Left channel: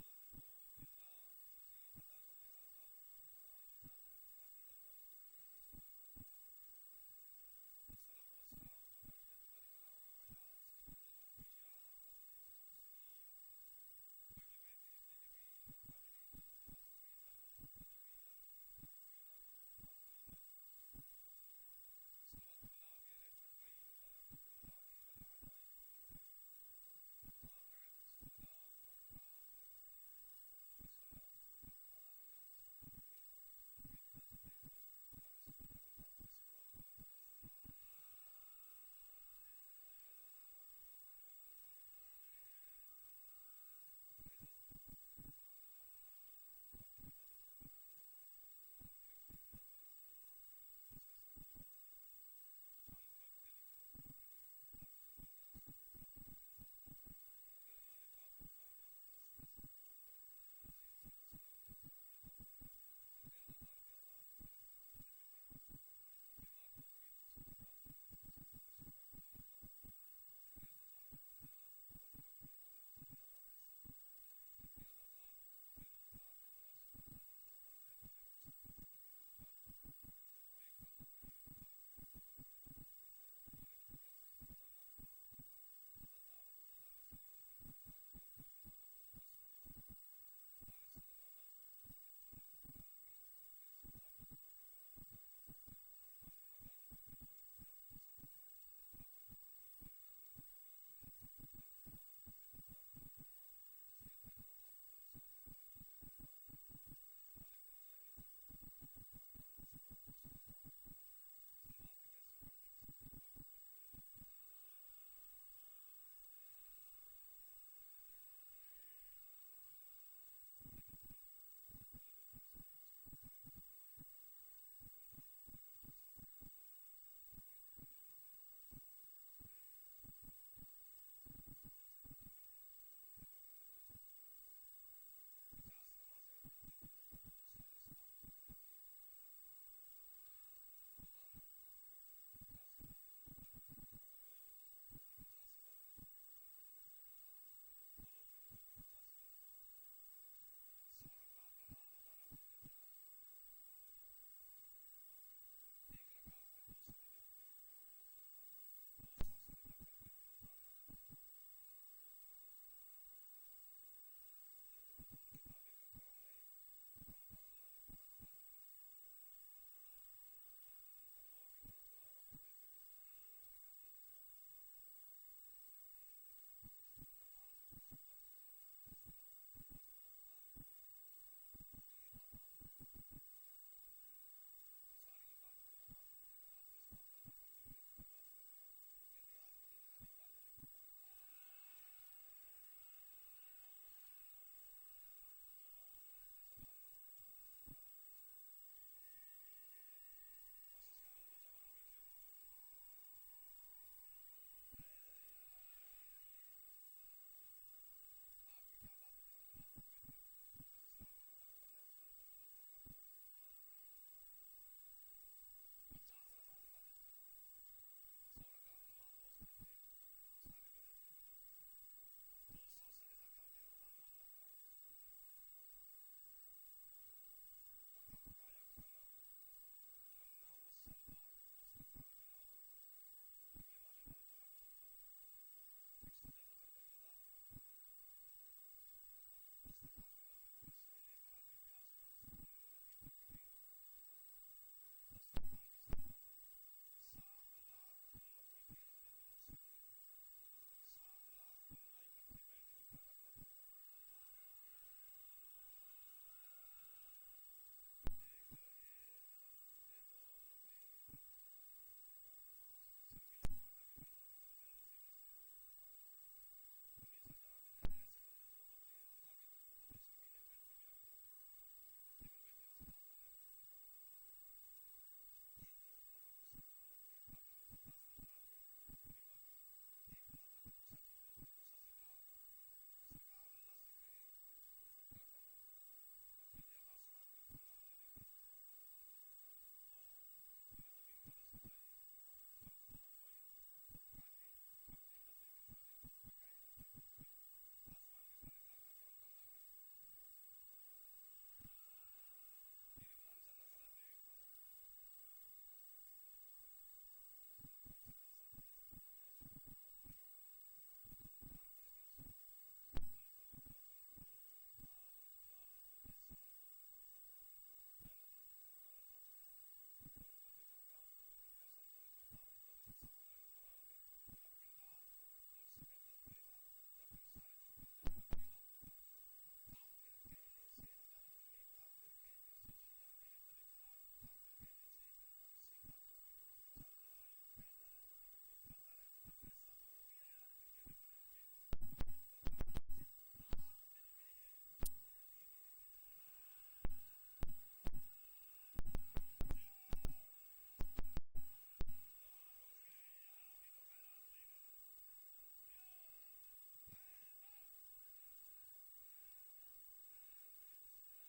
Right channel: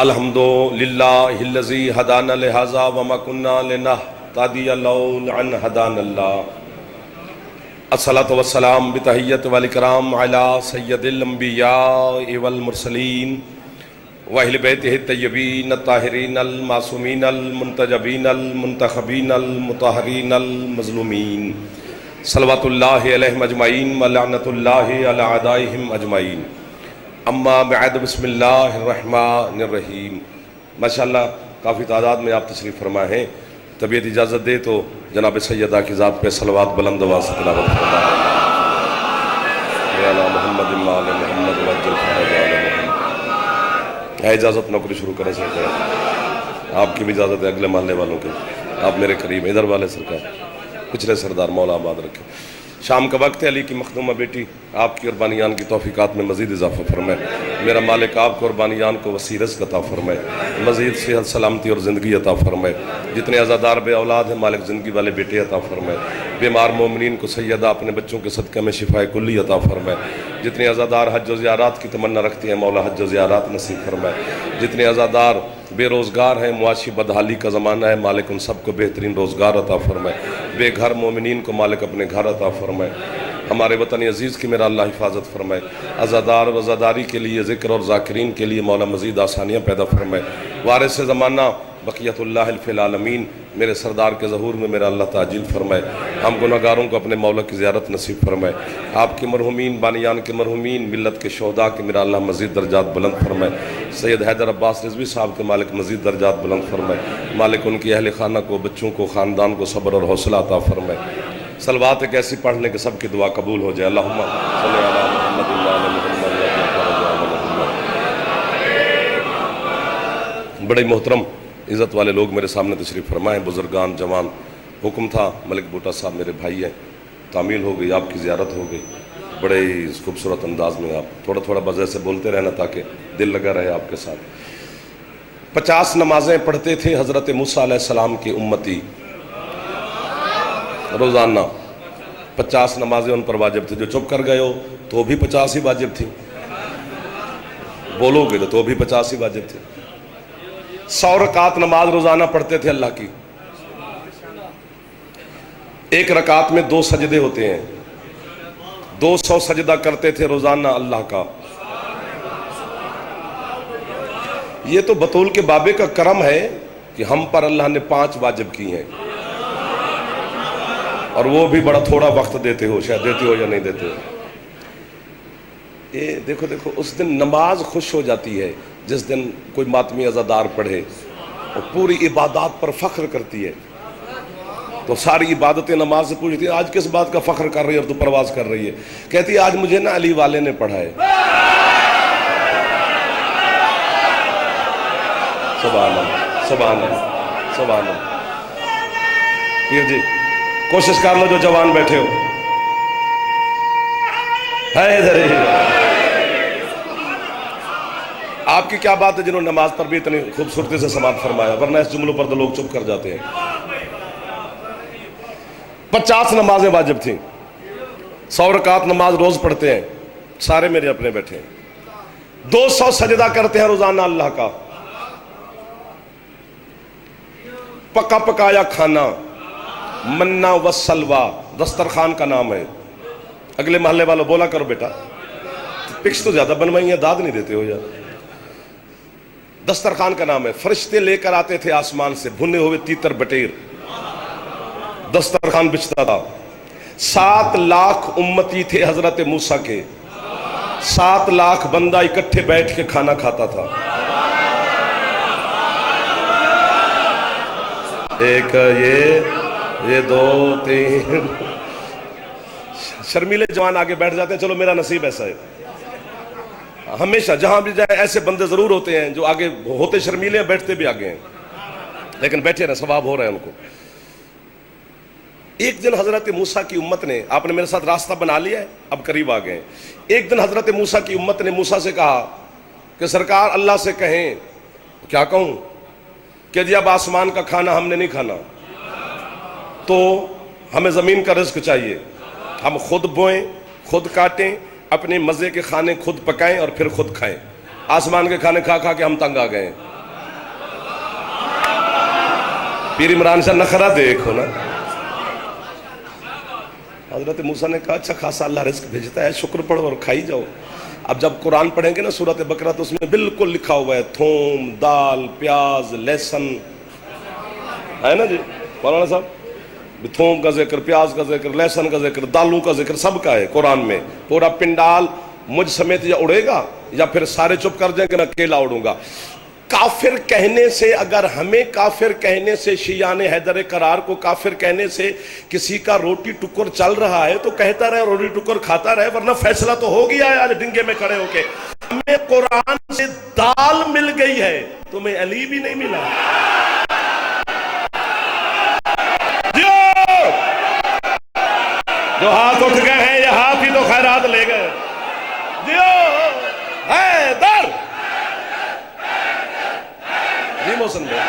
الحمدللہ الذی ہدانا لہذا وما کنا لنہتدی لولا ان ہدانا اللہ الصلاۃ والسلام بتحیت والاکرام علی سید الانبیاء والمرسلین واہل بیتہ الطیبین الطاہرین المعصومین المنتجبین المنتخبین المطہرین المظلومین صلوات اللہ علیہم اجمعین ولعنۃ اللہ علی اعدائہم اجمعین اما بعد بسم اللہ الرحمن الرحیم۔ ماشاءاللہ کافی تعداد میں آپ تشریف فرما ہیں، طبیعت اجازت دے تو جناب سیدہ کی ذات پہ صلوات بلند آواز سے تلاوت فرما محمد محمد ہے اجازت نوکری شروع کریں سرکار، آپ کی بھی اجازت ہے، اگلے محلے والوں کی، آپ میرے قریب ادھر والے سرکار، پچھلے سردار مولا آباد رکھے۔ شام کا وقت ہے، علی کی مخدومہ بیٹی آپ کی قربانیان کی توفیقات میں مزید اضافہ فرمائے، میرا مالک آپ کو قربانیان کو وسیع رزق عطا فرمائے، مزید صحت سلامتی اور زندگی عطا فرمائے، جتنے عزادار بے اولاد ہیں مالک زندگی والے بیٹے عطا فرمائے، بیمار مومنین کو سیدہ اپنے بچوں کے صدقہ میں شفائے کلی عطا فرمائے، جتنے عزادار حج و زیارات کی تمنا رکھتے ہیں مولا حج و زیارات نصیب فرمائے، جتنے عزادار بے روزگار ہیں، معاشی بدحالی کا زمانہ ہے، مالک ان سب کو بہترین روزگار عطا فرمائے، بے گھر مومنین کو مالک اپنے گھر عطا فرمائے، ہمارے وطن عزیز کی میرا اللہ حفاظت فرمائے، عزادار و عزاداری کے لیے ذکر اور ذاکرین کے لیے مولا مزید آسانیاں پیدا فرمائے، وارث زمانہ بقیت اللہ فی العالمین میرے سردار کے ظہور میں میرا اللہ تعجیل فرمائے، ہم گناہگاروں کو اپنے مولا کی زیارت نصیب فرمائے، آپ کے مرحومین بانیان کے مرحومین ملت کے شہداء کے میرا اللہ مزید درجات بلند فرمائے، سید حیدر عباس رضوی صاحب کے مالک مزید درجات بلند فرمائے، مالک ان کی اہل خانہ کو، بچوں کو، خاندان کو صبر اور حوصلہ عطا فرمائے۔ صلوات ایک ایسی پڑھنے کہ سب کی دعا قبول ہو جائے، اللہم صلی علی محمد وعلی محمد۔ بڑے محترم عزت والے لوگ میرے سامنے تشریف فرمائیں، بزرگان جوان، حکم تھا ملک بوٹا صاحب میرے بھائی ہیں، تعمیل ہو گئی، آپ کی زیارت ہو گئی، بڑے ہی خوبصورت انداز میں آپ تھوڑا تھوڑا بس ایسے بولتے رہنا تاکہ دل لگا رہے آپ کے ساتھ۔ 50 نمازیں پڑھتے تھے حضرت موسیٰ علیہ السلام کی امتی، روزانہ 50 نمازیں ان پر واجب تھی، جو چپ کر گئے ہو تو بھی 50 ہی واجب تھی، بولو گے تو بھی 50 ہی واجب تھی۔ 100 رکعت نماز روزانہ پڑھتے تھے اللہ کی، ایک رکعت میں 2 سجدے ہوتے ہیں، 200 سجدہ کرتے تھے روزانہ اللہ کا۔ یہ تو بطول کے بابے کا کرم ہے کہ ہم پر اللہ نے 5 واجب کی ہیں، اور وہ بھی بڑا تھوڑا وقت دیتے ہو، شاید دیتے ہو یا نہیں دیتے ہو۔ یہ دیکھو اس دن نماز خوش ہو جاتی ہے جس دن کوئی ماتمی عزادار پڑھے اور پوری عبادات پر فخر کرتی ہے، تو ساری عبادتیں نماز سے پوچھتی ہیں آج کس بات کا فخر کر رہی ہے اور تو پرواز کر رہی ہے، کہتی ہے آج مجھے نا علی والے نے پڑھائے۔ سبحان اللہ سبحان اللہ سبحان اللہ۔ پیر جی کوشش کر لو جو جوان بیٹھے ہو، ہے ادھر ہی۔ آپ کی کیا بات ہے جنہوں نے نماز پر بھی اتنی خوبصورتی سے سماعت فرمایا، ورنہ اس جملوں پر تو لوگ چپ کر جاتے ہیں۔ 50 نمازیں واجب تھیں، 100 رکعت نماز روز پڑھتے ہیں، سارے میرے اپنے بیٹھے ہیں، 200 سجدہ کرتے ہیں روزانہ اللہ کا، پکا پکایا کھانا، منا و سلوا دسترخوان کا نام ہے۔ اگلے محلے والوں بولا کرو بیٹا، پکس تو زیادہ بنوائی ہیں، داد نہیں دیتے ہو یار۔ دسترخوان کا نام ہے، فرشتے لے کر آتے تھے آسمان سے بھنے ہوئے تیتر بٹیر، دسترخوان بچتا تھا۔ 7 لاکھ امتی تھے حضرت موسیٰ کے، 7 لاکھ بندہ اکٹھے بیٹھ کے کھانا کھاتا تھا۔ ایک یہ 2 3 شرمیلے جوان آگے بیٹھ جاتے ہیں، چلو میرا نصیب ایسا ہے، ہمیشہ جہاں بھی جائے ایسے بندے ضرور ہوتے ہیں جو آگے ہوتے شرمیلے ہیں، بیٹھتے بھی آگے ہیں، لیکن بیٹھے رہے، ثواب ہو رہا ہے ان کو۔ ایک دن حضرت موسیٰ کی امت نے، آپ نے میرے ساتھ راستہ بنا لیا ہے، اب قریب آ گئے ہیں، ایک دن حضرت موسیٰ کی امت نے موسیٰ سے کہا کہ سرکار اللہ سے کہیں، کیا کہوں کہ جی اب آسمان کا کھانا ہم نے نہیں کھانا، تو ہمیں زمین کا رزق چاہیے، ہم خود بوئیں، خود کاٹیں، اپنے مزے کے کھانے خود پکائیں اور پھر خود کھائیں۔ آسمان کے کھانے کھا کھا کے ہم تنگ آ گئے ہیں، پیر عمران سے نخرہ دیکھو نا. حضرت موسیٰ نے کہا اچھا خاصا اللہ رزق بھیجتا ہے، شکر پڑھو اور کھائی جاؤ. اب جب قرآن پڑھیں گے نا سورۃ بقرہ تو اس میں بالکل لکھا ہوا ہے تھوم، دال، پیاز، لہسن، ہے نا جی مولانا صاحب؟ تھوم کا ذکر، پیاز کا ذکر، لہسن کا ذکر، دالوں کا ذکر، سب کا ہے قرآن میں. پورا پنڈال مجھ سمیت یا اڑے گا یا پھر سارے چپ کر جائیں گے، نہ اکیلا اڑوں گا. کافر کہنے سے، اگر ہمیں کافر کہنے سے، شیعان حیدر قرار کو کافر کہنے سے کسی کا روٹی ٹکر چل رہا ہے تو کہتا رہے، روٹی ٹکر کھاتا رہے، ورنہ فیصلہ تو ہو گیا ہے آج ڈنگے میں کھڑے ہو کے. ہمیں قرآن سے دال مل گئی ہے، تمہیں علی بھی نہیں ملا. جو ہاتھ اٹھ گئے ہیں یہ ہاتھ ہی تو خیرات لے گئے. حیدر جی محسن بھائی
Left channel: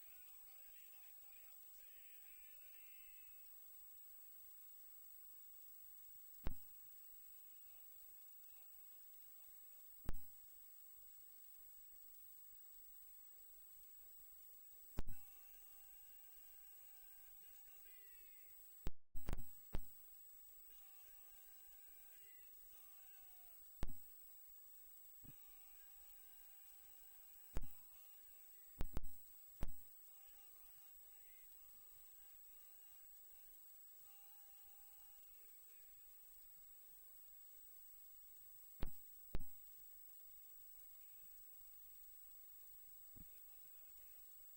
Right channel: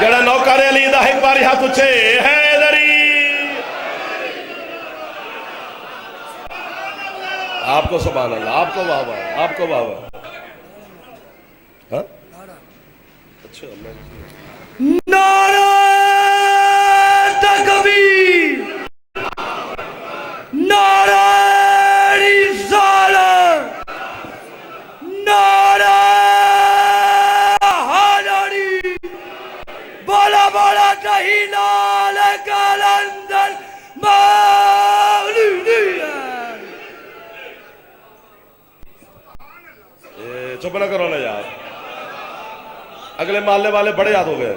جڑا نوکر علی دا ایک باری ہاتھ اچھے حیدری. آپ کو سبحان اللہ، آپ کو واہ واہ، آپ کو واہ واہ. ہاں اچھا نعرہ تکبیر، نعرہ رسالت، نعرہ حیدری، بولا بولا تحیلال کلندر مولودیہ. چپ نہ کرو نا یار، اگلے محلے والے بڑے یاد ہو گئے.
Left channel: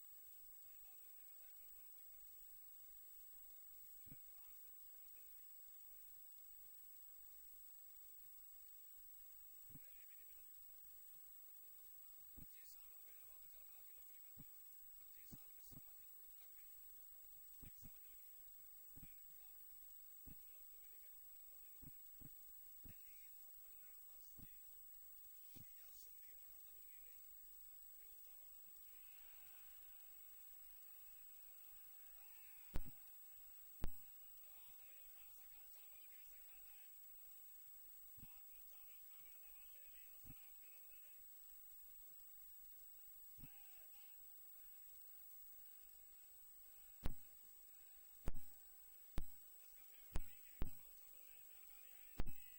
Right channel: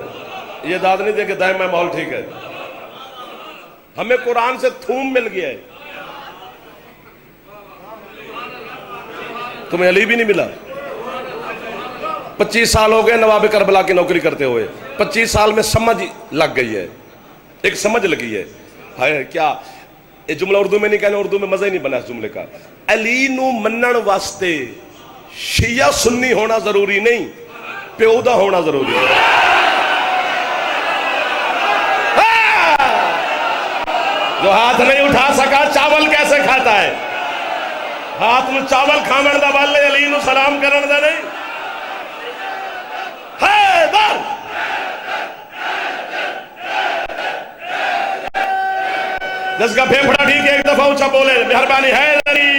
یہ داد نہیں دے کہ دائیں میں ماحول ٹھیک ہے. ہمیں قرآن سے تھوم مل گیا ہے، تمہیں علی بھی نہیں ملا. 25 سال ہو گئے نواب کربلا کی نوکری کرتے ہوئے. 25 سال میں سمجھ لگ گئی ہے، ایک سمجھ لگی ہے. ہائے کیا یہ جملہ اردو میں نہیں کہنا، اردو میں مزہ ہی نہیں بنا اس جملے کا. علی نو منن واسطے شیعہ سنی ہونا ضروری نہیں، پیو دا ہونا ضروری ہے. جو ہاتھ نہیں اٹھا سکا چاول کیسے کھاتا ہے؟ ہاتھ میں چاول کھامن دا والے علی نو سلام کرن دا نہیں. حیدر جس کا پھیپھڑا ٹھیک ہے ایک دفعہ اونچا بولے مہربانی. حیدری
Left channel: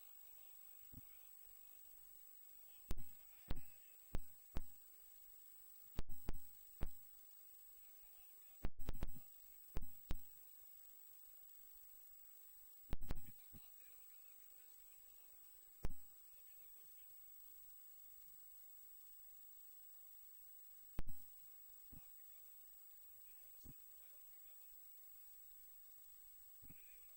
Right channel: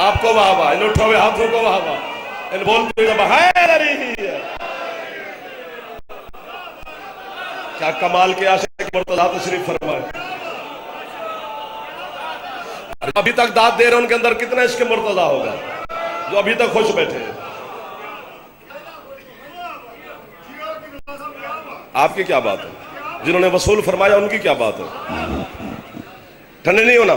آپ کو واہ واہ، ان اٹھو ہوئے ہاتھوں کو واہ واہ، ان بولتے ہوئے حیدری. کیا کمال کے عاشق مرتضیٰ تشریف فرمائے. ابھی تک داد دے رہے ان کے اندر کتنا عشق مرتضیٰ ہوگا جو ابھی تک خوش بیٹھے ہیں. آپ کی کیا بات ہے؟ جنہوں نے وصول فرمایا ان کی کیا بات ہے؟ ٹھنڈے نہیں ہونا.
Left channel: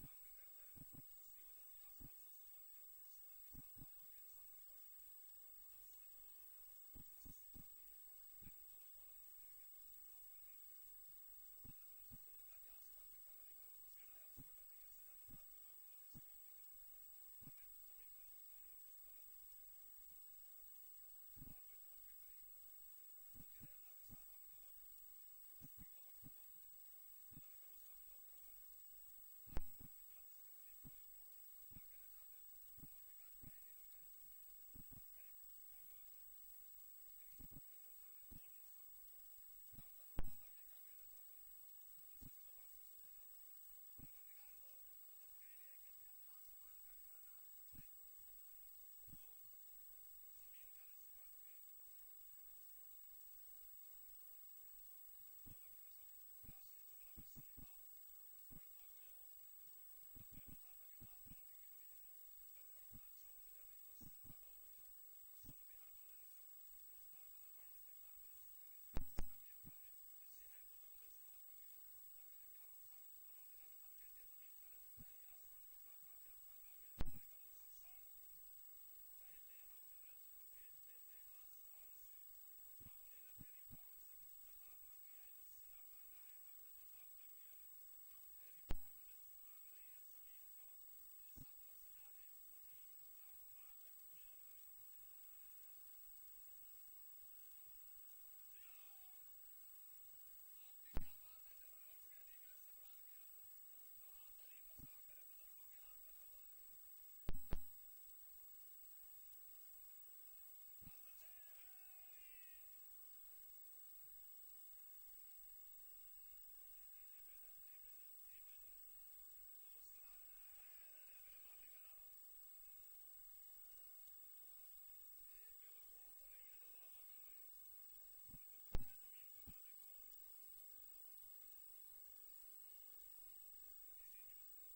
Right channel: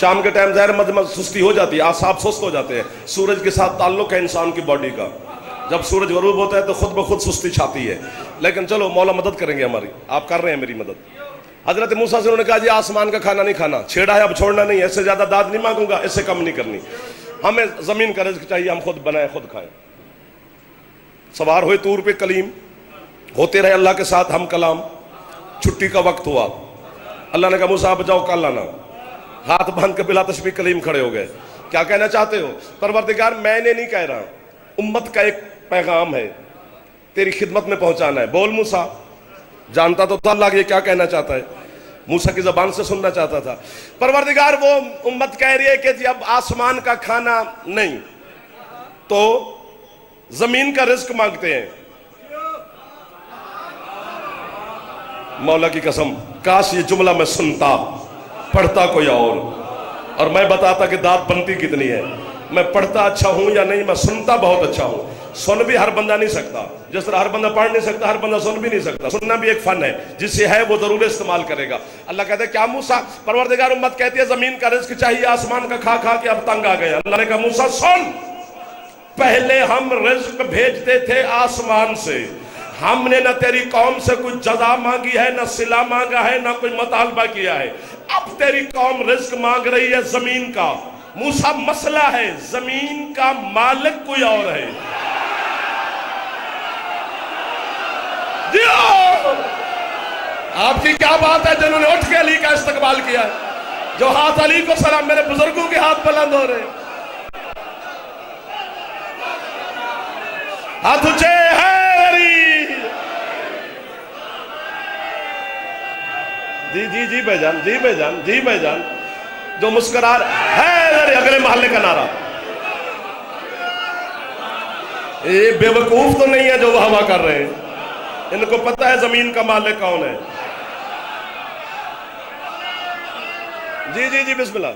شام کے ٹائم ظاہر مد سستی ہو جاتی ہے، اعصاب سست ہو جاتے ہیں. سورج کے ساتھ تعلق ہے انسان کی باڈی کا. جب سورج غروب ہوتا ہے تو خود بخود سستی چھاتی ہے. لیکن چلو مولا مدد کریں گے ہماری، آپ کر رہے ہیں میری مدد. حضرت موسیٰ سے انہوں نے کہا جی آسمان کا کھانا نہیں کھانا، چھیڑا ہے اب چھوڑنا نہیں ہے، اس سے زیادہ داد نہیں مانگوں گا، اس سے کم نہیں کرنی. ہمیں زمین کا رزق چاہیے، ہم خود بنائیں خود کھائیں. سوار ہوئے طور پہ کلیم، ہوتے رہے اللہ کے ساتھ ہم کلام. چھٹی کا وقت ہوا، اللہ نے کہا موسیٰ آپ جاؤ کل آنا. ہاتھ باندھ کے بلا تشبیہ کلیم کھڑے ہو گئے. کیا کہنا چاہتے ہو؟ پروردگار میں نے نہیں کہہ رہا، امت کا ایک پیغام ہے تیری خدمت میں پہنچانا ہے. بول موسیٰ. جانتا تو تھا اللہ یہ کیا کہنا چاہتا ہے، موسیٰ کی زبان سے سننا چاہتا تھا. پروردگار وہ امت کہہ رہی ہے کہ جی اب آسمان کا کھانا نہیں تو زمین کا رزق مانگتے ہیں. مولا کی قسم کاش یہ جملہ میں سنتا، پڑھتا کوئی اور میں بتاتا کہ داد بنتی کتنی ہے. میں پڑھتا اچھا ہوں یا نہیں، میں سنتا بہت اچھا ہوں. سن بھی ہر بندہ نہیں سکتا، جس طرح ہر بندہ پڑھ نہیں سکتا ہر بندہ سن بھی نہیں سکتا. سننا بھی ایک فن ہے، جس سے ہے وہ ضرور استعمال کرے گا. اللہ کہتے ہیں کیا موسیٰ، پروردگار امت کہتی ہے زمین کا رزق چاہیے، آسمان کا کھا کھا کے اب تنگ آ گئے. اللہ نے کہا موسیٰ سن، پہلے ہم رزق بھیجتے تھے آسمان سے. ہم نے نہ تیری قوم سے کوئی جزا مانگی ہے، نہ صلہ مانگا ہے، نہ کوئی مطالبہ کیا ہے. اب تیری قوم رزق مانگ رہی ہے زمین کا. موسیٰ مسئلہ ہے زمین کا مالک کوئی اور ہے. آپ کی کیا بات ہے جنہوں نے اٹھ کے علی کا استقبال کیا ہے، جو ہاتھ علی کو سلام. میرے بزرگوں کے ہاتھ بلند ہو رہے. ہاتھ اونچے، حیدری۔ جی جی جی بھائی جان، جی بھائی جان، جی بھائی جان، جو مسکرا حیدری، اگلے محلے کا نعرہ۔ یہ بے وقوف تو نہیں ہے جو وہ ہوا کر رہے ہیں، ان کو پتہ ہے زمین کا مالک کون ہے۔ جی جی جی بسم اللہ۔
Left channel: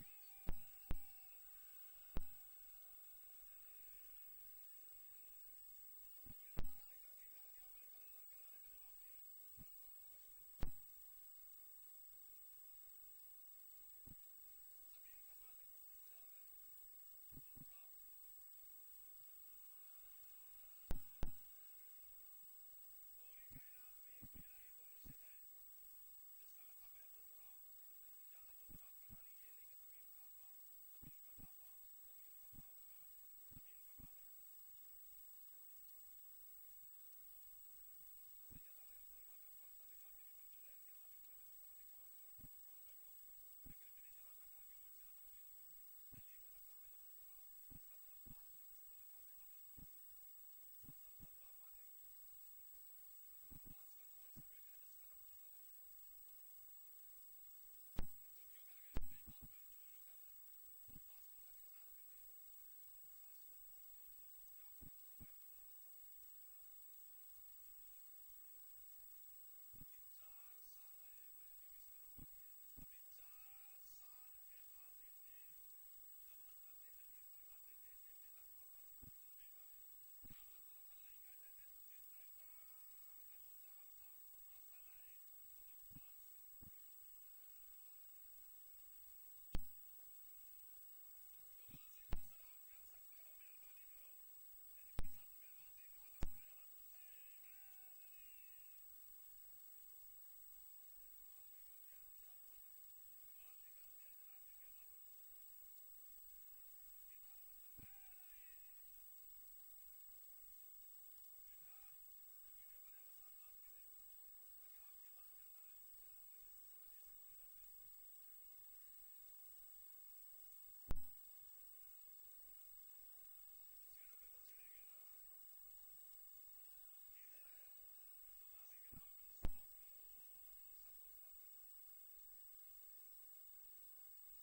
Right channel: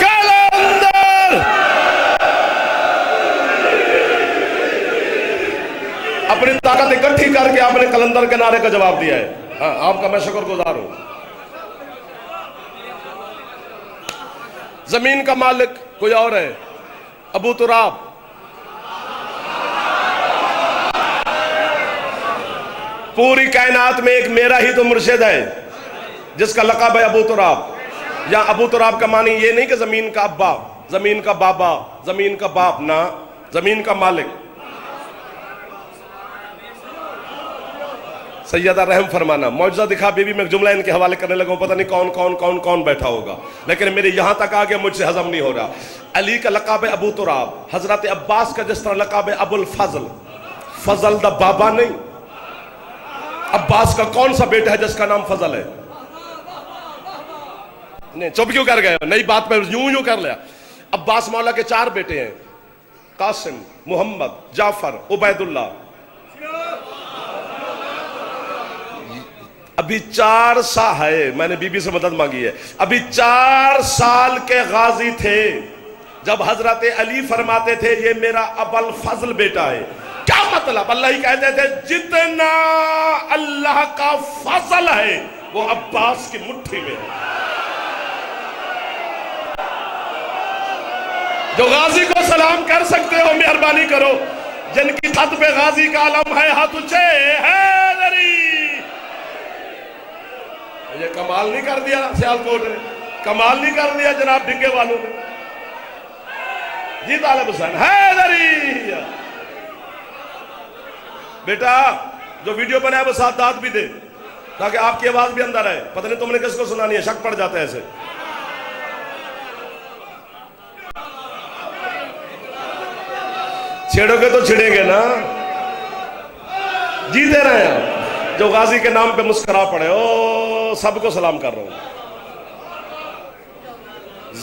کلندر اپنی طاقت اکٹھی کر کے آپ نے کلندر کے نعرے کا جواب دیا ہے، ہاں آپ کا میں شکر گزار ہوں۔ زمین کا مالک کوئی اور ہے، ابو تراب۔ پوری کائنات میں ایک میرا ہی تو مرشد ہے جس کا لقب ہے ابو تراب۔ یا ابو تراب کا معنی یہ نہیں کہ زمین کا ابا، زمین کا بابا، زمین کا باپ، نہ، زمین کا مالک۔ سیدہ رحم فرمانا، معجزہ دکھا بی بی، میں جملہ ان کے حوالے کرنے لگا ہوں، پتہ نہیں کون کون کون کون بیٹھا ہوگا، لیکن میرے یہاں تک آگیا مجھ سے ہضم نہیں ہو رہا۔ علی کا لقب ہے ابو تراب، حضرت عباس کا جس طرح لقب ہے ابو الفضل، فضل دا بابا نہیں۔ عباس کا کون سا بیٹا ہے جس کا نام فضل ہے؟ نہیں، چپ کیوں کر گئے؟ نئی بات پہ یوں کر لیا۔ عباس مولا کے 4 بیٹے ہیں، قاسم، محمد، جعفر، عبید اللہ۔ ابھی 4 سال ہے، میں نے بی بی سے مدد مانگی ہے، ابھی 4 سال کے غازی تھے جب حضرت علی فرماتے تھے یہ میرا ابو الفضل بیٹا ہے۔ کیا مطلب؟ اللہ ہی کہتے تھے جتنا اللہ کا فضل ہے وہ عباس کی مٹھی میں ہے۔ جو غازی کو سلام کر سکتے ہو مہربانی کرو، جن کی خط پہ غازی کا علم ہے ہاتھ اونچے، حیدری۔ یہ کمال نہیں کر دیا سیالکوٹ نے، کمال نہیں کر دیا جناب ڈنگے والوں نے؟ جی طالب حسین، حیدری۔ بیٹا جو ویڈیو بنایا وہ ساتھ داد بھی دے تاکہ آپ کی آواز بھی اندر آئے، پتہ نہیں تم نے کس کو سنانی ہے، شک پڑ جاتا ہے ایسے۔ چھیڑو گے تو چھڑیں گے نا، جیتے رہے ہیں۔ جو غازی کے نام پہ مسکرا پڑے، او سب کو سلام کر رہا ہوں۔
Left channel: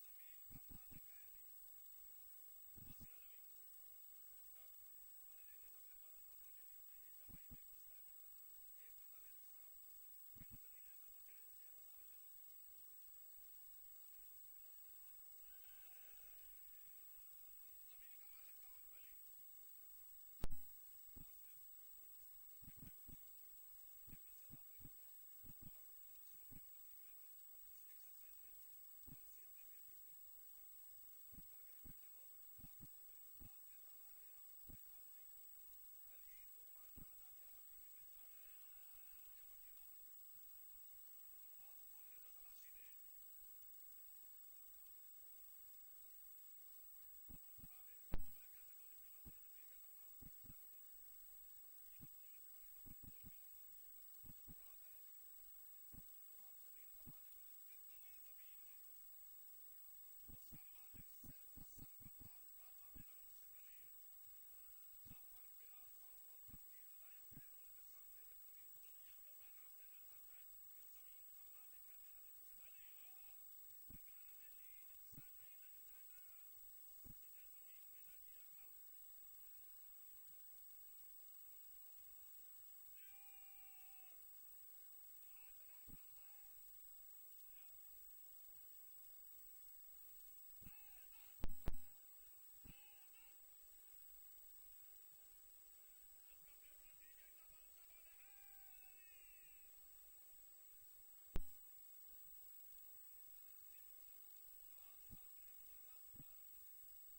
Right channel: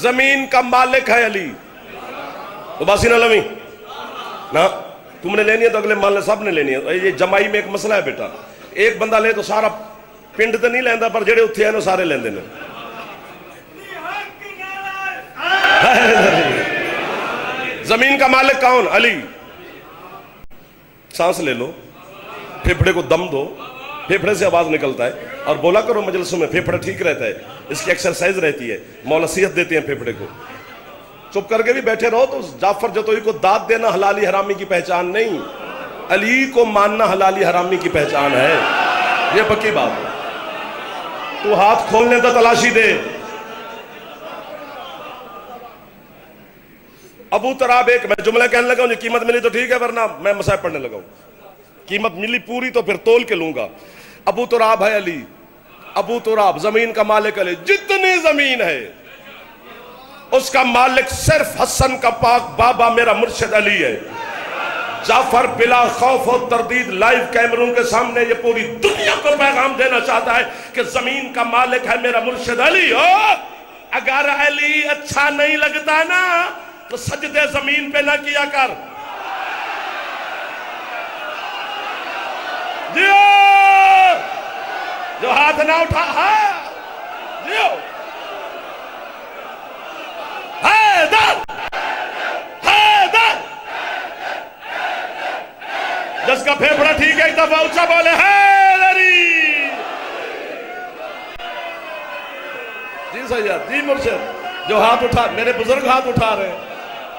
زمین کا مالک ہے علی، تو باسی نہ لویں نا، تم نے لینی ہے تو اگلے محلے سب نے لینی ہے۔ یہ جمائی میں ایک مسئلہ ہے بیٹا، ایک بندہ لے تو سارا پنڈ تو نہیں لیندہ، پر جڑے اتھے ہیں نا سارے لیندے نے۔ زمین کا مالک کون؟ علی۔ سانس لے لو، پھیپھڑے کو دم دو، پھیپھڑے سے آواز نکلتا ہے، اور بولا کرو مجلسوں میں، پھیپھڑا ٹھیک رہتا ہے، اس کی ایکسرسائز رہتی ہے، مولا صحت دیتے ہیں پھیپھڑے کو۔ چپ کر کے بھی بیٹھے رہو تو جعفر جتوئی کو داد دینا حلالی حرامی کی پہچان نہیں، علی کو ماننا حلالی حرامی کی پہچان ہے، یہ پکی بات ہے۔ تو ہاتھ کھولنے تو تلاشی دے۔ ابو تراب ایک، میں جملہ کہنے لگا ہوں، یہ قیمت ملی تو ٹھیک ہے، ورنہ میں مصائب پڑھنے لگا ہوں۔ قیمت ملی پوری تو پھر تول کے لوں گا۔ ابو تراب ہے علی، ابو تراب زمین کا مالک علی، جتنی زمین ہے اس کا مالک صرف حسن کا پاک بابا میرا مرشد علی ہے۔ جعفر بلا خوف و تردید لائیو کیمرون کے سامنے یہ پوری دنیا کو پیغام دینا چاہتا ہے کہ زمین کا مالک ہے میرا مرشد علی۔ اگر علی اچھا نہیں لگتا نا تو سجدے زمین پہ نہ کیا کر۔ جیو جو ہاتھ نہ اٹھا، ہاں جیو، حیدر حیدر، جس کا پھیپھڑا ٹھیک ہے ایک دفعہ اونچا بولے حیدری۔ جی سید، جی مرشد، جو ہاتھ اٹھا، میرے بزرگ ہاتھ اٹھا رہے ہیں،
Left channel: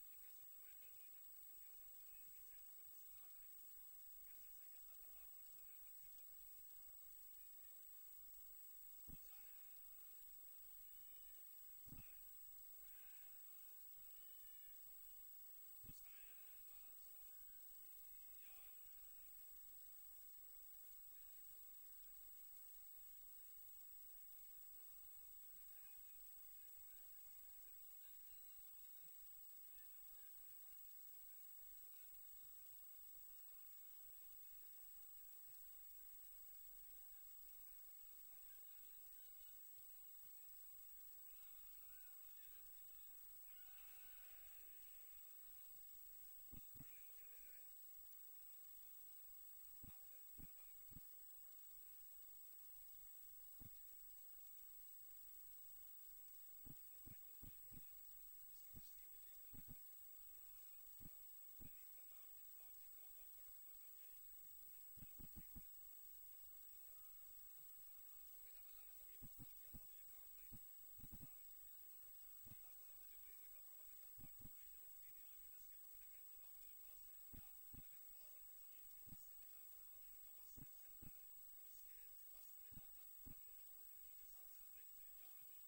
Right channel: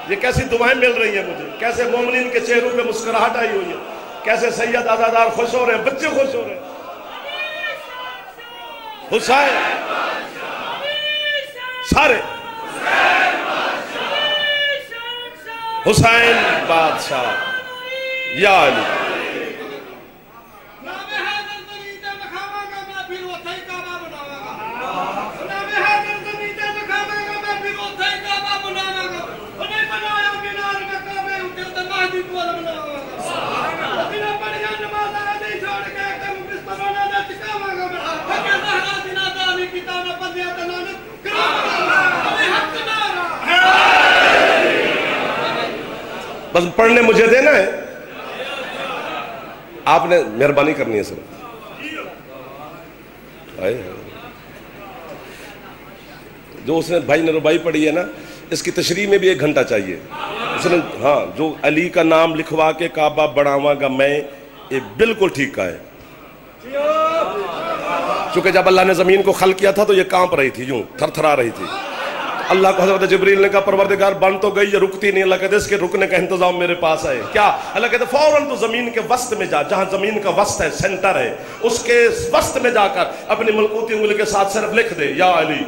یہ کیسی دعائیں مل رہی ہیں مجھے، کیسے مومنین کے چہروں پہ مسکراہٹ آئی ہوئی ہے، کیسے سید آزادار خوش ہو رہے ہیں، بچے خوش ہو رہے ہیں۔ حسین سارے حسین بادشاہ یا علی۔ بس پڑھنے مجھے دینا ہے, آپ نے مہربانی کرنی ہے سر. جو اس نے بھائی نے ربائی پڑھی ہے نا, اس کی تشریح میں بھی 1 گھنٹہ چاہیے. اس نے ہاں جو علی کا نام لکھوا کے کعبہ بڑھاواں گا میں, یہ بالکل ٹھیک کا ہے. چونکہ جب اللہ نے زمین کو خلق کیا تھا تو یہ کانپ رہی تھی, یوں تھر تھرا رہی تھی. اللہ کو حضرت جبریل نے کہا پروردگار بن تو گئی, یہ رکتی نہیں. اللہ کہتے اس کے رکنے کا انتظام میرے پاس ہے. کیا اللہ کہتے فوراً تو زمین کے وسط میں جا, جہاں زمین کا وسط ہے, سینٹر ہے, اس کے وسط میں جا کر اپنی ملکوتی انگلی کے ساتھ صرف لکھ دے یا علی.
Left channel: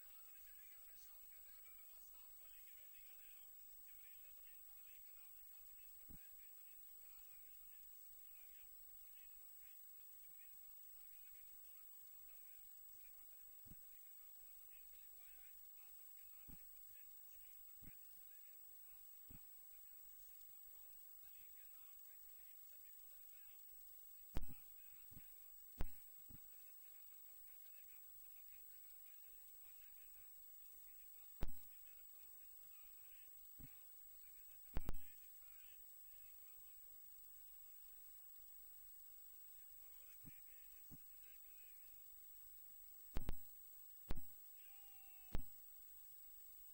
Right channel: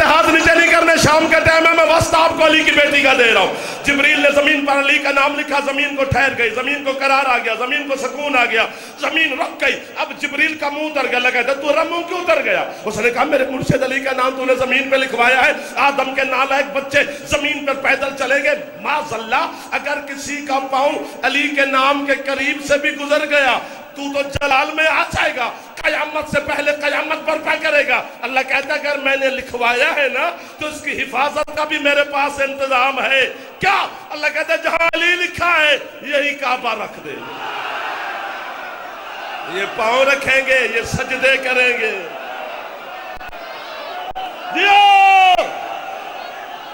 ہاتھ نیچے نہیں کرنے, شام کا ٹائم ہے, میں وسط آپ کو علی کی بیٹی کا دے رہا ہوں. جبریل نے زمین پر علی کا نام لکھا, زمین کو ٹھہر گئی, زمین کو قرار آ گیا, زمین کو سکون آ گیا, زمین رک گئی. اب جبریل کا منہ اتر گیا. لگا تھا تو منہ کیوں اتر گیا؟ اس نے کہا میرے مرشد علی کا نام تو نے زمین پہ لکھوایا ہے, آدم کے نالائق بچے زمین پر پیدل چلے گئے. معاذ اللہ, اگر کسی کا پاؤں علی کے نام کے قریب سے بھی گزر گیا تو جلال میں آ جائے گا, قیامت سے پہلے قیامت برپا کرے گا. اللہ کہتا ہے اگر میں نے لکھوایا ہے نا تو اس کی حفاظت کا بھی میرے پاس انتظام ہے. کیا اللہ کہتا ہے جہاں علی لکھا ہے یہی کعبہ رکھ دے. یہ پاؤں رکھیں گے, یہ سجدے کریں گے.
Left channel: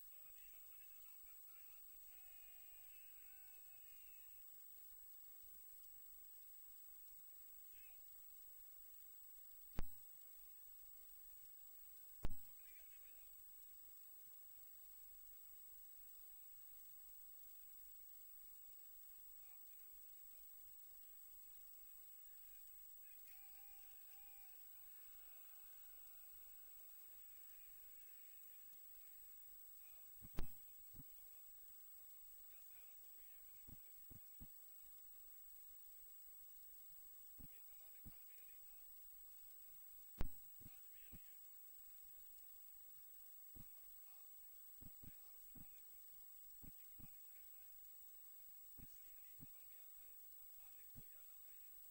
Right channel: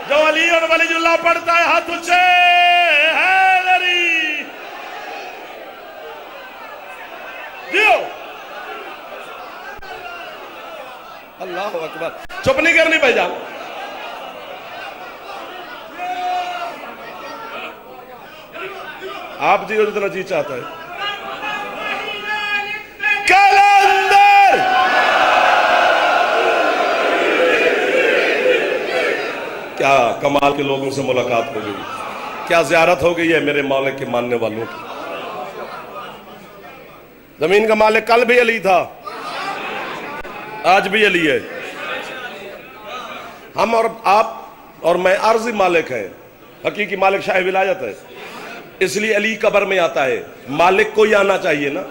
جو علی اور ولی اللہ پڑھتا ہے ہاتھ اونچے, اللہ اکبر. چپ نہیں کرنی بھائی جان. آپ جی جتنا جی چاہتا ہے. کلندر کیا کمال کے لوگوں سے ملاقات ہو گئی, کیا زیارت ہو گئی ہے میرے مالک کے ماننے والوں کی. زمین کا مالک کل بھی علی تھا, آج بھی علی ہے. ہم اور آپ اور میں عارضی مالک ہیں, حقیقی مالک شاہ ولایت ہے. اس لیے علی قبر میں آتا ہے, مالک کو ہی آنا چاہیے نا.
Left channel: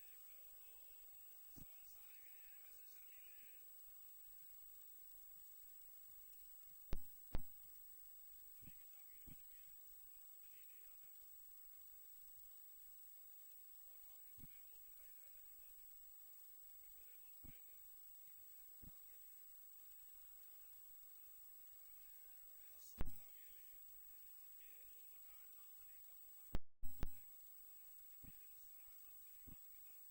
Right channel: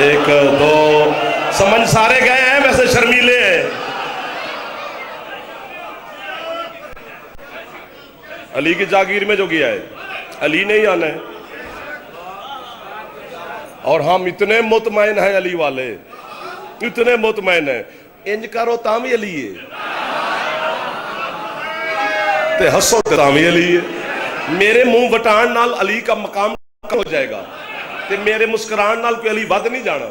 1 2 سمجھ سارے گئے ہیں, ویسے شرمیلے ہیں. علی کی جاگیر میں جو گیا ہے علی نے ہی آنا ہے. اور ہم اتنے مطمئن ہیں علی والے, اتنے مطمئن ہیں, انج کرو تاں بھی علی ہے, تے ہسو تے تاں بھی علی ہے. میرے منہ وٹان نال علی کا مقام ہو جائے گا, تے میرے مسکران نال کوئی علی ود نہیں جانا.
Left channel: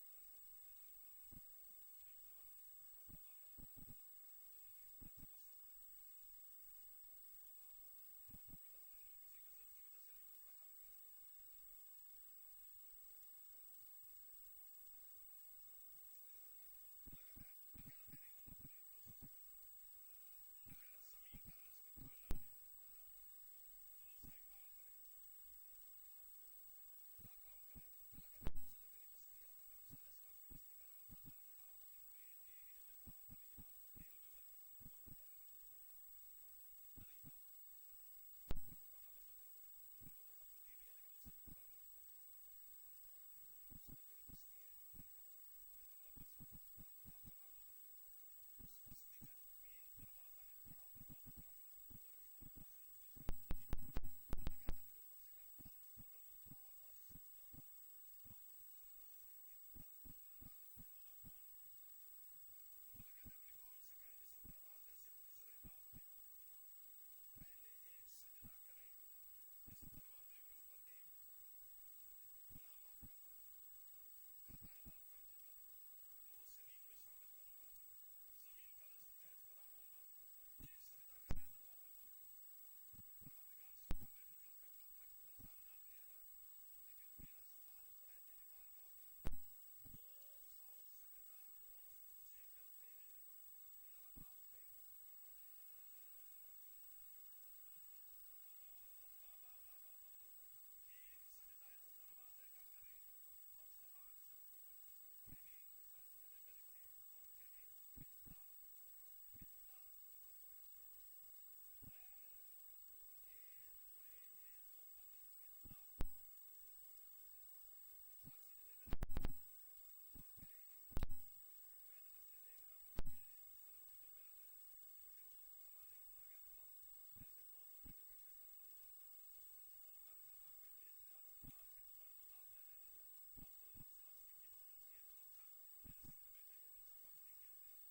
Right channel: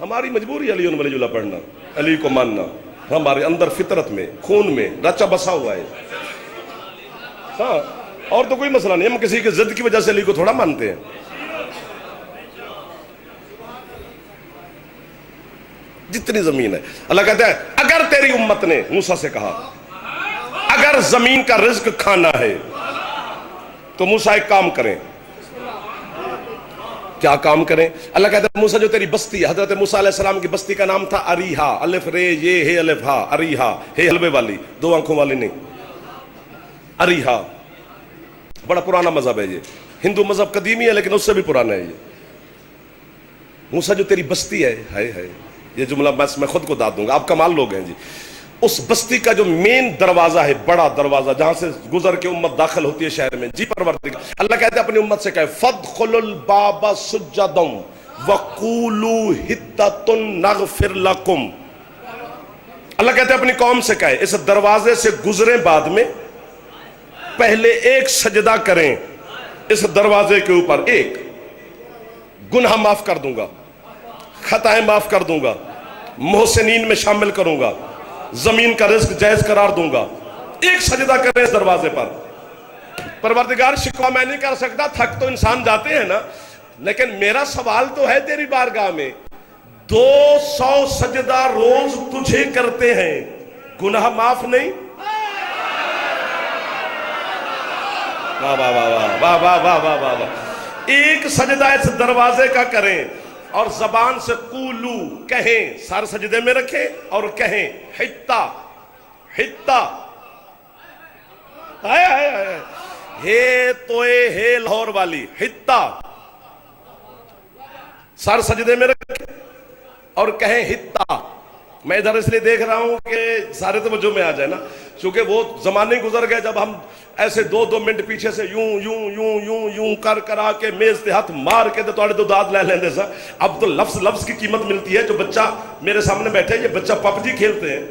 ہماری مجبوری علی ولی اللہ پڑھنا, علی کو ماننا, ہمارے اندر فطرت میں خون میں رچا بسا ہوا ہے. ہاں, اور تو کوئی مسئلہ نہیں, ہم کسی کی ضد کی وجہ سے علی کو تھوڑا مانتے ہیں. جتنی زمین ہے, اللہ کہتا ہے اگر تیری امت نے موسیٰ سے کہا اگر زمین کا رزق کھانا ہے تو موسیٰ ایک کام کریں. کیا کام کریں؟ اللہ کہتا ہے موسیٰ جو تیری بستی ہے, حضرت موسیٰ علیہ السلام کی بستی کا نام تھا اریحا, الف رے یہ ہے الف ہا, اریحا, ہے حلوے والی, 2 آنکھوں والی نہیں. اریحا بڑا پرانا مذہب ہے, یہ ہندو مذہب قدیمی ہے لیکن اس سے بھی پرانا ہے. یہ موسیٰ جو تیری بستی ہے, یہ جملہ میں خود کو داد دوں گا, آپ کمال لوگ ہیں جی. اس بستی کا جو مین دروازہ ہے, بڑا دروازہ جہاں سے گزر کے امت داخل ہوتی ہے شہر میں, جی پروردگار, اللہ کہتے ہیں اپنی امت سے کہے فَادْخُلُوا الْبَابَ سُجَّدًا وَقُولُوا حِطَّةٌ نَغْفِرْ لَكُمْ. اللہ کہتے ہیں اپنی قوم سے کہے اس دروازے سے گزریں, بعد میں پہلے ایک سجدہ کریں اس دروازے کے اوپر, ایک گناہ معاف کر دوں گا, خطائیں معاف کر دوں گا, محسنین میں شامل کروں گا, زمین کا رزق جائز قرار دوں گا. ایک سجدہ کریں اس دروازے پر. پروردگار شکوہ میں نہیں کر سکتا, تھک تو انسان جاتے ہیں نا, لیکن میرا سوال تو ہے تیری بارگاہ میں, 200 سجدہ روز تجھے کرتے ہیں, گناہ معاف نہیں؟ واہ واہ واہ واہ واہ واہ واہ واہ واہ. ایک سجدہ اس دروازے کا کریں, اور زبان سے قولو کہیں، سر سجدے میں رکھیں اور کہیں حتا حتا ہے توئے ہے لاہور والی حتا، سر سجدے میں رکھیں اور کہیں حتا۔ میں ادھر اس لیے دیکھ رہا ہوں کہ سارے توجہ میں آ جائے نا، چونکہ وہ زمانے گزر گئے جب ہم ایسے 2-2 منٹ پیچھے سے یوں یوں یوں یوں یوں کر آ کے میز تے ہاتھ مار کے تو داد لے لیندے سا۔ اب تو لفظ کی قیمت ملتی ہے۔ جو بچہ میرے سامنے بیٹھے، یہ بچہ پب جی کھیلتے ہیں،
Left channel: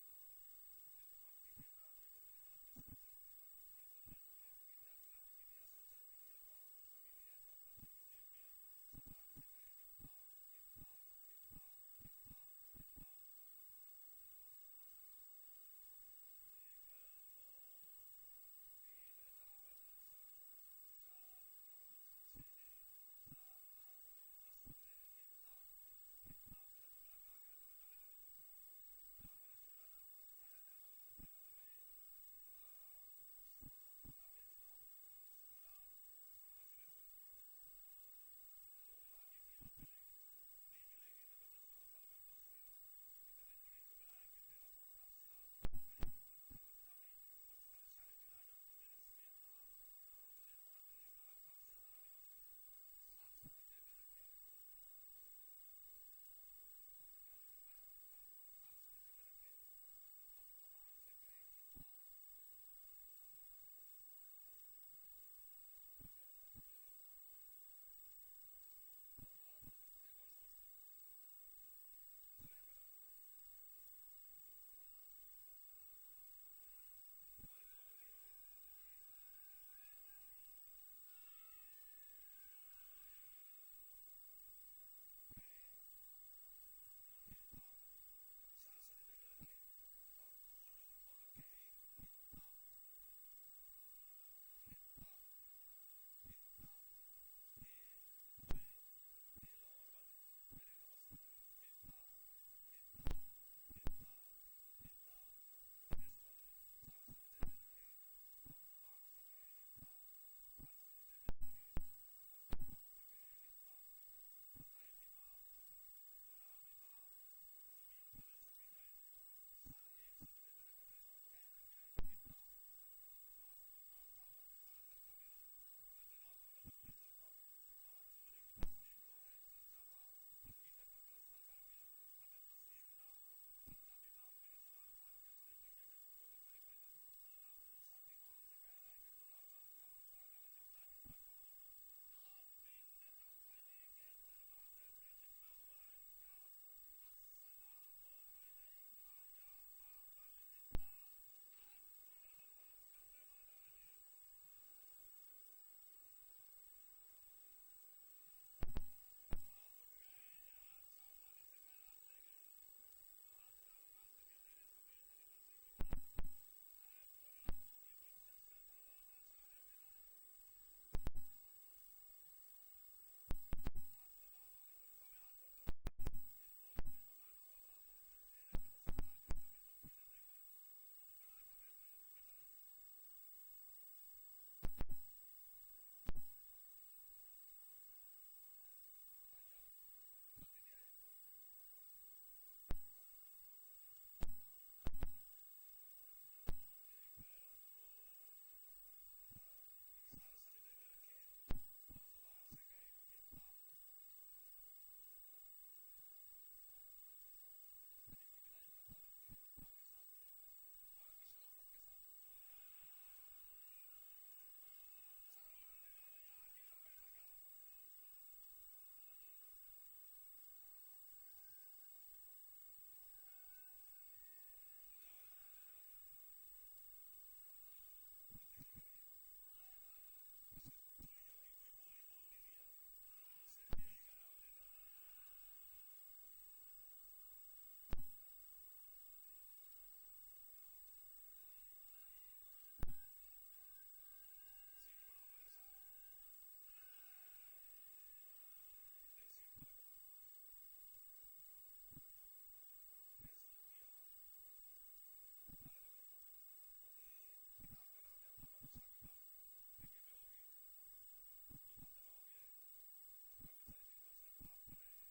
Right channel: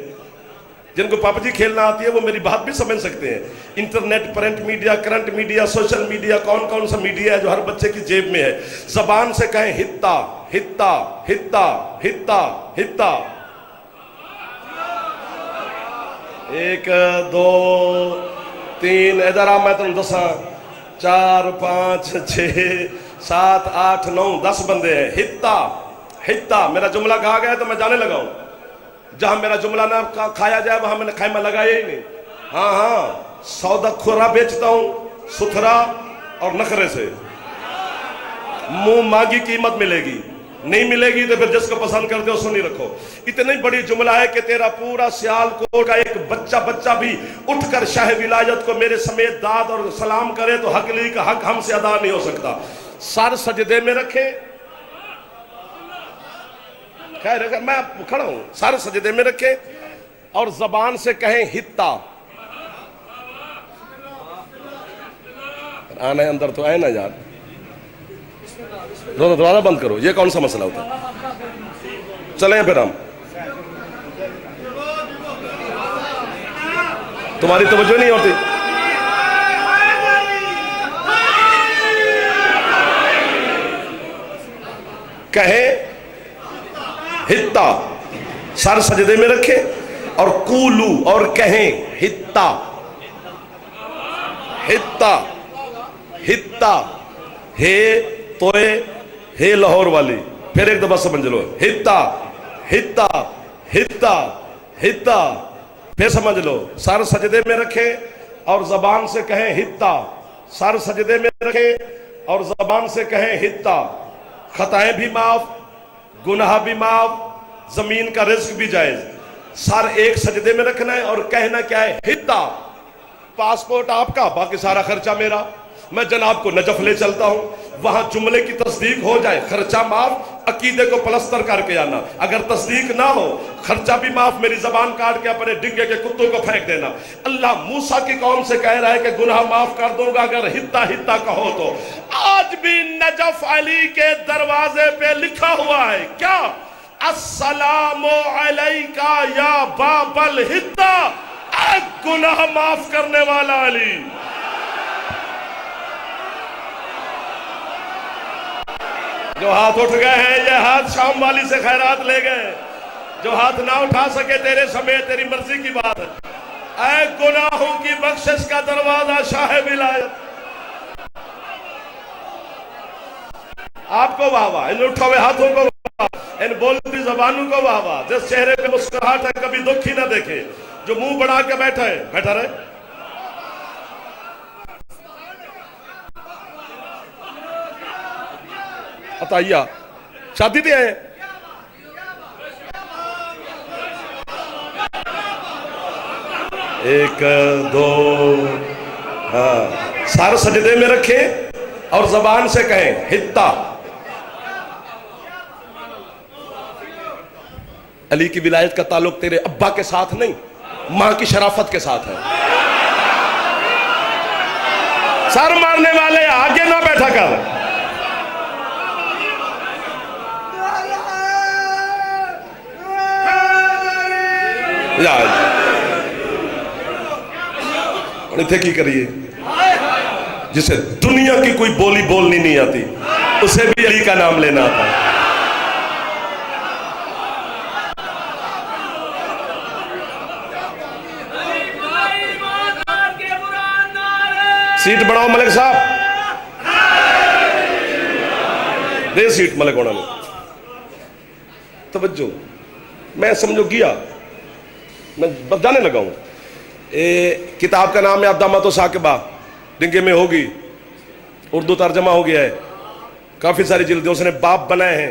جن کو پب جی کھیلنا آتی ہے وہ میری بات بھی سمجھ سکتے ہیں۔ Internet, print media, current media, social media, کون سا میڈیا ہے جو ہر بچے کی جیب میں ہے۔ زبان سے کہیں حتا حتا حتا حتا حتا۔ 1 2 3 ادھر آ، میں تم دساں 4 5 6 7 8 9 10 بندے ہیں۔ حتا حتا، میرا جملہ کہا گیا ہے تو میں جانے لگا ہوں۔ جہاں میرا جملہ نہ کھایا جائے وہاں میں نے خیمہ لگایا ہی نہیں۔ ہاں سودا کھورا بیچتا ہوں، ستھرا اور نخرے سے، منہ مانگی قیمت ملے گی، نہیں ملے گی تو پھر جس کو پسند کرتے ہو سنی رکھو۔ اتنی بڑی جملہ ہے کہ تیرا پورا سیالکوٹ کا ایک بچہ بھی اٹھ کر شاہ ولایت کو میرے سمیت داد اور سلام کرے تو حق لی کا حق ہم سے ادا نہیں ہو سکتا۔ سر سجدے میں رکھے، خیر اگر میں کھڑا ہوں، سر سجدے میں رکھے اور زبان سے کہیں حتا۔ آنا ہے اندر تو آئے نا یار، دروازہ بند کرو، یہ کون سا مسئلہ ہوتا ہے؟ چلیں پھر ہم، تمہاری توجہ نہیں ہوتی۔ کہیں حتا، سر سجدے میں رکھے اور قولو اور کہیں حتا حتا حتا، ہے توئے ہے لاہور والی، پھر ایک دفعہ سمجھ لو، حتا حتا حتا حتا، پھر سمجھ لو، سر سجدے میں رکھے اور زبان سے کہیں حتا، سر سجدے میں رکھے اور زبان سے کہیں حتا۔ خطائیں بھی معاف، گناہ بھی معاف، زمین کا رزق بھی جائز۔ سر ایک سجدے میں رکھنا ہے اور کہنا کیا ہے؟ حتا۔ پاسپورٹ آپ کا، باقی سارا خرچہ میرا، میں جناب کو نجف لے چلتا ہوں، وہاں جملے کی تصدیق ہو جائے، خرچہ معاف، عقیدے کو پلستر کر کے آنا، اگر تصدیق نہ ہو خرچہ بھی معاف، میری زبان کاٹ کے اپنے ڈنگے کے کتوں کو پھینک دینا۔ اللہ موسیٰ کی قوم سے کہہ رہا ہے کہ گناہ معاف کر دوں گا اگر حتا حتا کہو تو۔ آج بھی نجف علی کے دروازے پہ لکھا ہوا ہے کیا؟ السلام علیکہ یا باب الحتا، اے گناہ معاف کرنے والا علی۔ جو ہاتھ اٹھ گئے ہیں یہ ہاتھ شام والی سے خیرات لے گئے، جو ہاتھ نہ اٹھا سکے تیرے سمیت تیری مرضی کی بات ہے۔ اے گناہوں کی بخشش کا دروازہ شاہ ولایت، آپ کو واہ واہ، ان اٹھا ہوئے ہاتھوں کو واہ واہ، ان بولتی زبانوں کو واہ واہ، جس چہرے پہ مسکراہٹ ہے کبھی دکھ ہی نہ دیکھے، جو منہ بڑھا کے بیٹھا ہے بیٹھا رہے۔ عطیہ شادی دے آئے، ایک دو، ہاں، سر سجدے میں رکھے اور زبان سے کہیں حتا۔ علی کی ولایت کا تعلق تیرے ابا کے ساتھ نہیں، ماں کی شرافت کے ساتھ ہے۔ سر مارنے والے آگے نہ بیٹھا کر، تھے کی کریے، جسے دنیا کی کوئی بولی بولنی نہیں آتی اسے بھی علی کا نام لینا آتا ہے۔ سیٹ بڑھاؤ ملک صاحب، دے سیٹ ملک ہونا میں، توجہ، میں سمجھو گیا، میں بس جانے لگا ہوں۔ کتاب کا نام ہے الدمۃ ثاقبہ، ڈنگے میں ہوگی، اردو ترجمہ ہو گیا ہے، کافی ساری جلدیں اس نے باب بنائے ہیں،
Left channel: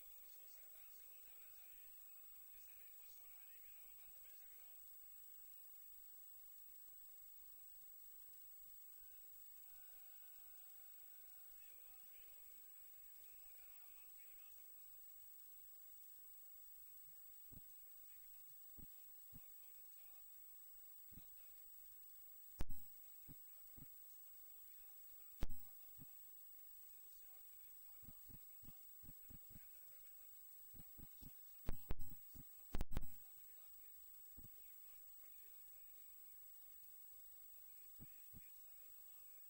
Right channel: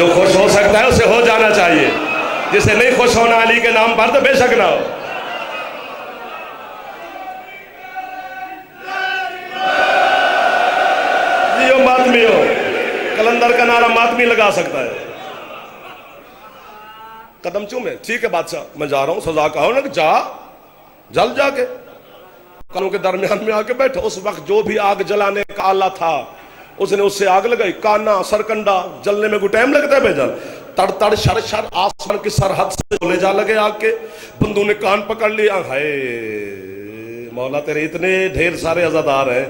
جو خوش ہو سکتا ہے اسے ہو جانا چاہیے، جسے نہیں خوش ہونا علی کے نام پر تو بے شک نہ ہو۔ جیو ماتمی ہو، کلندر کا نعرہ ماتمی لگا سکتا ہے۔ قدم چومے، ٹھیک ہے بادشاہ میں جا رہا ہوں، سزا کہو نا کہ جا، جل جا کے کانوں کے درمیان میں آ کے بیٹھا۔ اس وقت جو بھی آگ جلانے کا آلہ تھا اس نے اس سے آگ لگائی، کانا سرکنڈا جلنے میں کوئی ٹائم لگتا ہے بے جان؟ تڑ تڑ شر شر آسمان کی سرحد سے لے جا لگے آگ کے، بندوں نے کان پکڑ لیا۔ ہائے مولا تیرے اتنے ڈھیر سارے عزادار ہیں،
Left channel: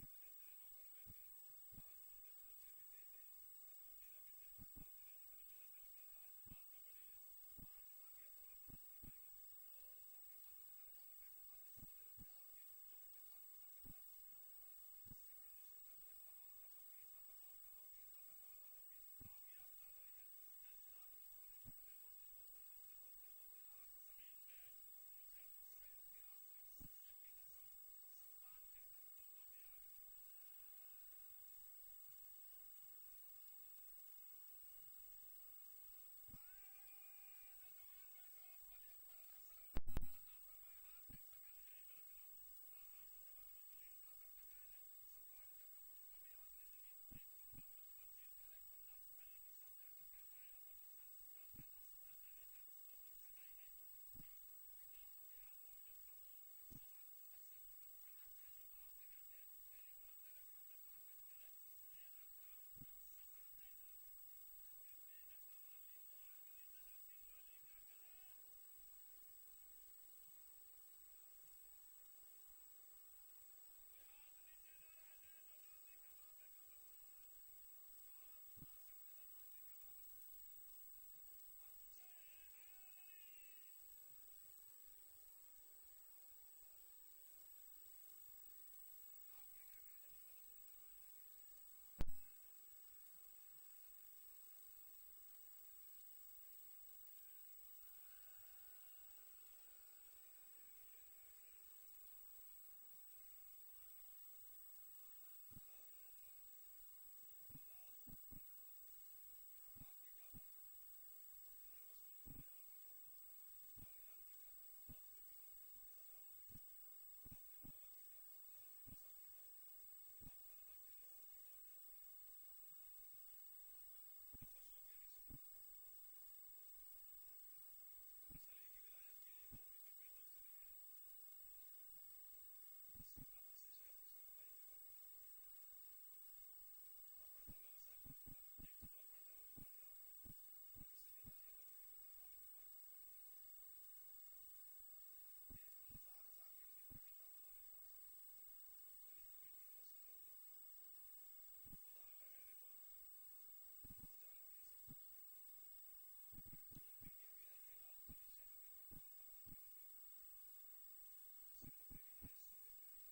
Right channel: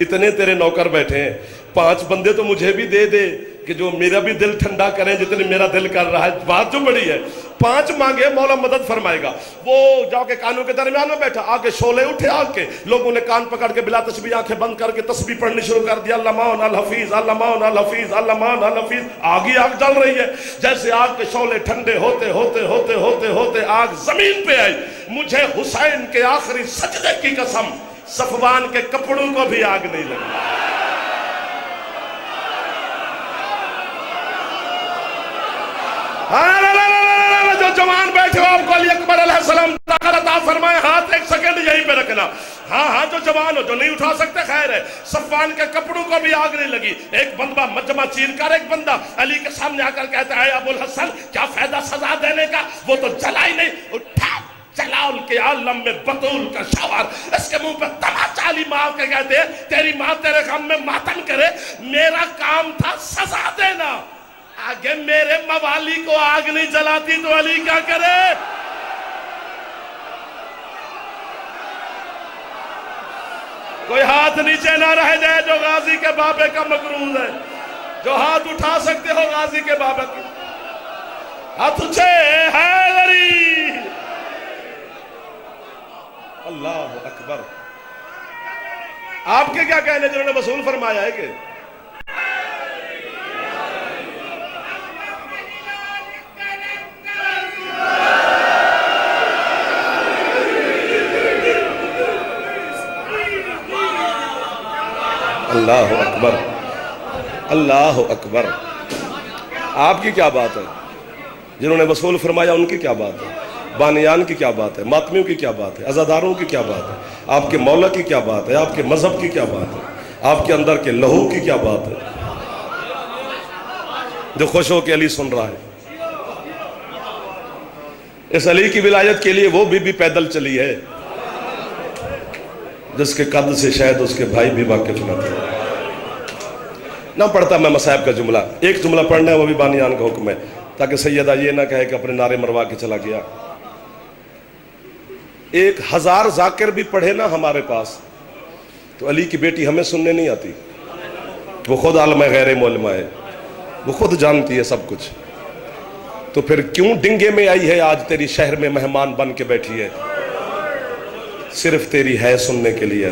اتنے تیرے نوکر بیٹھے ہیں، 5 بندے تو مجھے بھی دے دے کہ جو میرا بھی دل ٹھنڈا کریں جتنی میرا دل کر رہا ہے۔ بات جو بڑی ہے، 5 مانگے مولا مدد فرمائے گا۔ وہ جا کے کانوں کے درمیان میں بیٹھا، آگے شعلے اٹھے آگ کے، لوگوں نے کان پکڑ کے بلا تسبیح آنکھیں بند کر کے تسبیح پڑھنی شروع کر دیا، اللہ مون الحفیظ اللہ مون الحفیظ اللہ مون الحفیظ۔ آگ ہی آگ جل رہی ہے، جیسے آگ کے شعلے ٹھنڈے ہوتے ہوتے ہوتے ہوتے ہوتے آگ زمین پہ آئی۔ مجھے حسین کے آخری سجدے کی قسم، صفوان کے کپڑوں کو بھی آگ نہیں لگی۔ جو جوان بیٹھے ہو، آپ کو علی اکبر علیہ السلام طاقت عطا فرمائے، ہاتھ 1 سیکنڈ یہیں پہ رکھنا۔ ہاں ہاں جو جوان ہو، جو نہیں اٹھا سکتے خیر ہے۔ صفوان کے کپڑوں کو بھی آگ نہیں لگی۔ ایک بندہ مجمع چیر کر ایک بندہ علی کے سامنے آ کر کہتا ہے، ابو الحسن کیا فائدہ سزا دینے کا، وہ تو جلا ہی نہیں۔ اٹھا جلال کے عالم میں بطول کا شوہر، اس کے منہ پہ تماچا علی ماں کے کہتے ہیں، تیری ماں تیرے غم میں ماتم کرے، میرا کام تھا سزا دینا۔ آگے میرے موالی کو آگ نہیں جلاتی تو علی کیا کرے؟ کوئی ہاتھ نیچے نہ رہ جائے جو غازی کے بابے کا مقروض ہے، جو ہاتھ اٹھا سکتے ہو غازی کے بابے کے ہاتھ اچھے حیدری۔ اللہ اکبر۔ آپ کے کیا کہنے جنہوں نے وصول فرمایا ہے کہ اللہ اکبر اللہ اکبر۔ آپ کی کیا بات ہے؟ جنہوں نے وصول فرمایا ان کی کیا بات ہے؟ بانیان کی کیا بات ہے؟ ماتمیوں کی کیا بات ہے؟ عزاداروں کی کیا بات ہے؟ آپ کے مولا کی کیا بات ہے؟ آپ کے مذہب کی کیا بات ہے؟ آپ کے اندر کے لہو کی کیا بات ہے؟ جو خوش ہو کے علی سن رہا ہے، اس علی کی ولایت کے لیے وہ بھی پیدل چلی ہے جس کے قد سے شاید اس کے بھائی بھی واقف نہ تھے۔ نہ پڑھتا میں مصائب کا جملہ، ایک جملہ پڑھنا ہے، وہ بھی بانیان کا حکم ہے، تاکہ سیدہ یہ نہ کہے کہ اپنے نعرے مروا کے چلا گیا۔ 1000 ذاکر بھی پڑھے نا ہمارے پاس تو علی کی بیٹی ہمیں سننے نہیں آتی۔ وہ خود عالم غیر معلمہ ہے، وہ خود جانتی ہے سب کچھ، تو پھر کیوں ڈنگے میں آئی ہے آج تیری شہر میں مہمان بن کے بیٹھی ہے؟ صرف تیری ہے سننے کے لیے۔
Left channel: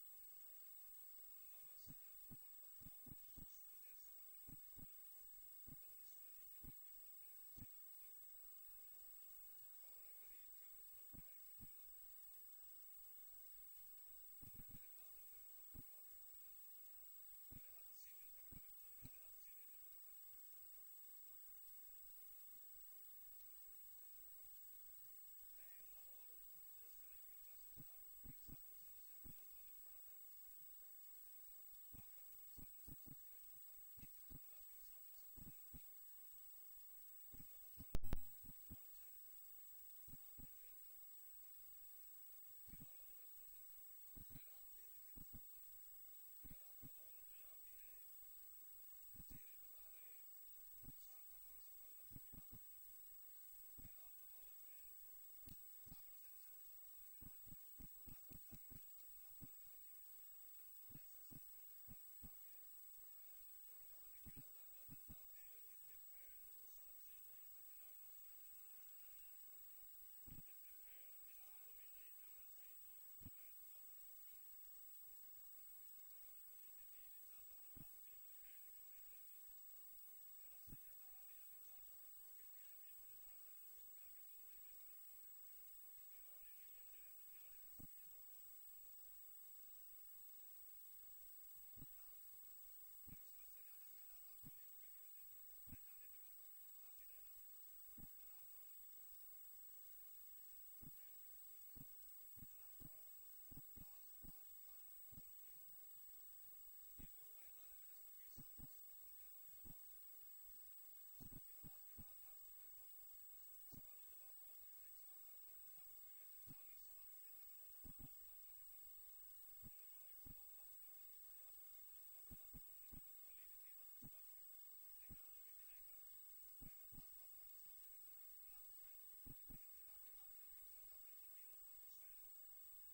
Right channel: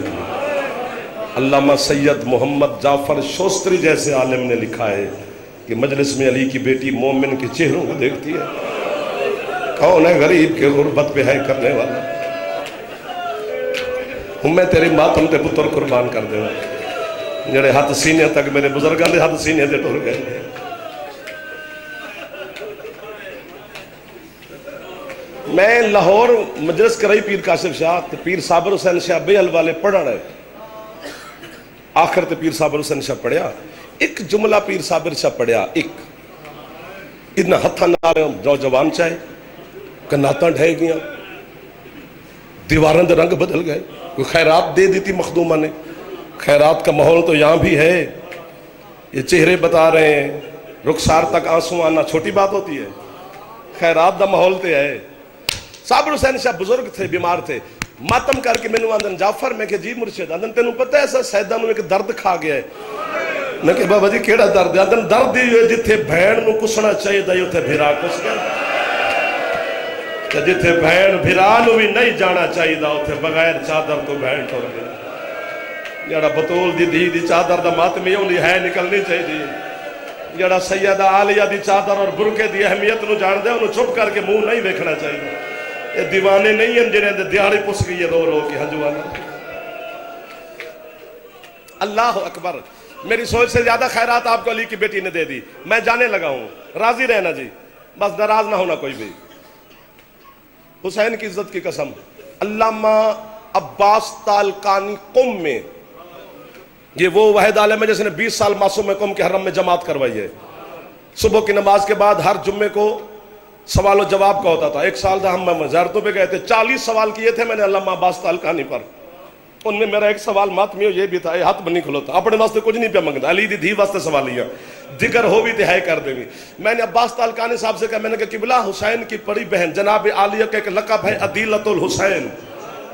علامہ سید محمد جعفر شوستری جیسے عالم نے لکھا ہے کہ مجلس میں علی کی بیٹی مومن کے چہروں کو دیکھتی ہے، کون ہے غریب کے غربت پہ ہے کرنے والا، ہوں میں تیری ماتم تے پتر قربان کر دے جڑے ہاتھ سینے تک میرے بزرگاں دے ہاتھ سینے تے ٹر گئے۔ میں لاہور مجلس کرائی پیر کاشف شاہ تے پیر صابر حسین شاہ بے والے پڑھا رہے، آخر تے پیر صابر حسین شاہ پڑھیا، ایک جملہ پیر صابر شاہ پڑھیا، ایک اتنا ہتھا نال نوجوان چاہے کناتاں ڈھے گیا، دیواروں دے رنگ بدل گئے، کوئی خیرات دے دیتی مخدومہ نے۔ خیرات کا ماحول تو یہاں بھی ہے، یہ چہرے بتا رہے ہیں، رخسار تک آنسو آنا چھوٹی بات ہوتی ہے، خیرات دا ماحول تے ہے۔ صابر حسین شاہ بزرگ تھے، بیمار تھے، ماتم کر کے مینوں آندن جعفر، میں کہ جی مرشد، آندن تینوں پتہ ہے ایسا سیدہ نوں ایک درد کھا گیا ہے؟ میں کہ بابا جی کیڑا درد ہے؟ آندن درد ہی ہوئے جتھے بھین نوں کسنا چاہیے دا اتھے بھیرا کس گیا، جتھے بھین بھیرا نوں بھی نہیں جانا چاہیے دا اتھے بغیر چادر تو بھین ٹر گیا۔ جڑا بطول دی دھی دی چادر دا ماتمی انہی ہے نکلنی چاہیے، جڑا سیدہ عالیہ دی چادر اور برکے دی اہمیت نو جان دے انہوں چھپ کر کے منہ نہیں دیکھنا چاہیے۔ یہ دیوانے نہیں ہیں جنہیں دے دیہڑی پس گئی ہے رو رو کی ہنجوانا۔ اللہ اکبر۔ میری سوچ سے زیادہ خیرات آپ کو علی کی بیٹی نے دے دی. میں جانے لگا ہوں, راضی رہنا جی, بس ناراض نہ ہونا کوئی بھی. حسین کی عزت کی قسم, علامہ عباس تالقانی قم میں, یہ وہ واحد عالم ہے جس نے 20 سال معصوم قم کے حرم میں جماعت کروائی ہے. صبح کی نماز کے بعد ہر جمعے کو سوال و جواب کا ہوتا تھا. ایک سال تھا ہم زیارتوں پہ گئے تھے, 40 سوال کیے تھے میں نے علامہ عباس تالقانی پر. ان میں میرا ایک سوال ماتمی یہ بھی تھا, یہ ہاتھ بنی کھلوتا, اپنے واسطے کچھ نہیں پہ منگتا, علی دی دھی واسطے سوال لیا, ذکر ہو بھی تہائی کر دیں گی. میں نے عباس تالقانی صاحب سے کہا, میں نے کہا قبلہ حسین کی بڑی بہن جناب عالیہ کا ایک لقب ہے عدیلۃ الحسین,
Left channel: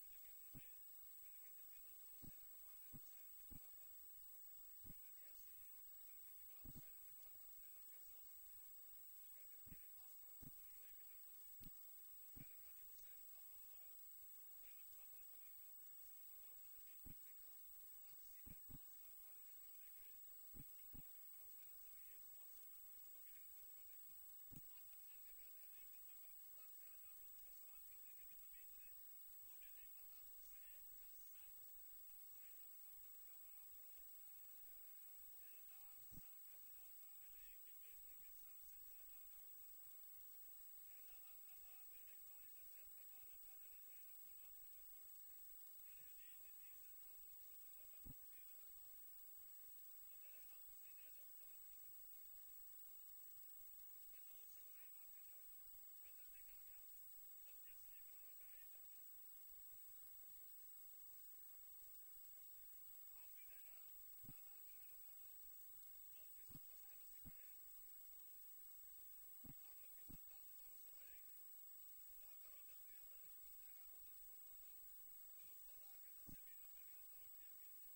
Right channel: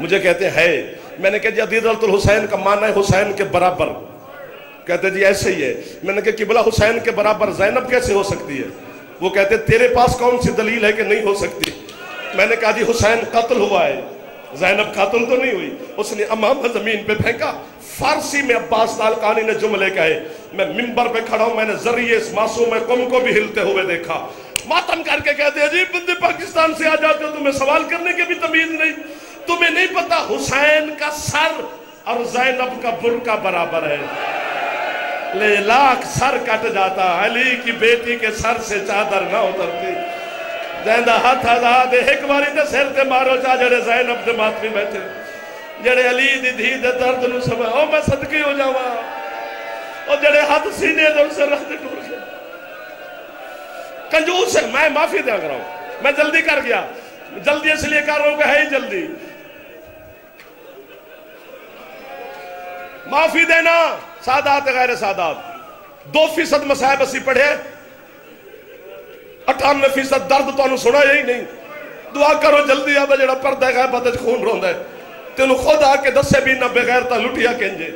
مجھے کہتے ہیں ہے. میں نے کہا جی عدیلۃ الحسین کا معنی ہے حسین کے برابر. کہتے جی ایسے ہی ہے. میں نے کہا قبلہ حسین کے برابر زینب کیسے ہو سکتی ہے؟ وہ کہتے تیرے پاس کون سی دلیل ہے کہ نہیں ہو سکتی؟ میں نے کہا جی حسین قتل ہوا ہے, زینب قاتل تو نہیں ہوئی. اس نے امامہ زمین پہ پھینکا. فارسی میں عباس تالقانی نے جملے کہے, میں منبر پہ کھڑا ہوں, میں نے ذریعے اس معصوم قوم کو بھی ہلتے ہوئے دیکھا. ماتم کر کے کہتے ہیں جی بندے پاکستان سے آ جاتے ہو, تمہیں سوال کرنے کے بھی تمیز نہیں, تمہیں نہیں پتا حسین کا سر اور زینب کا برقع برابر ہے. لے لاکھ سر کٹ جاتا, علی کی بیٹی کے سر سے چادر نہ اترتی. جہاں ہاتھ آزاد ایک باری تے سر تے مارو چا جڑے زینب دے ماتمی بیٹھے, جڑے علی دی دھی دے درد نو سمجھ, او میں صدقی ہو جاواں, او جڑے ہاتھ سینے دے سے رکھ دے ٹوٹ گئے. کنجوس ہے. میں معافی دیا کر رہا ہوں, میں جلدی کر گیا, جلدی اس لیے کر رہا ہوں کہ ہے ہی جلدی. معافی دینا سادات غیر سادات. 2% مصائب اسی پڑھے, 98% درد تو انہوں سنا یہی نہیں. دعا کرو جلدی آبا جڑا پردہ غیب باتج خون روندہ ہے, تینوں خود آ کے دسے بھی نہ بغیر تا لٹیا کنجے.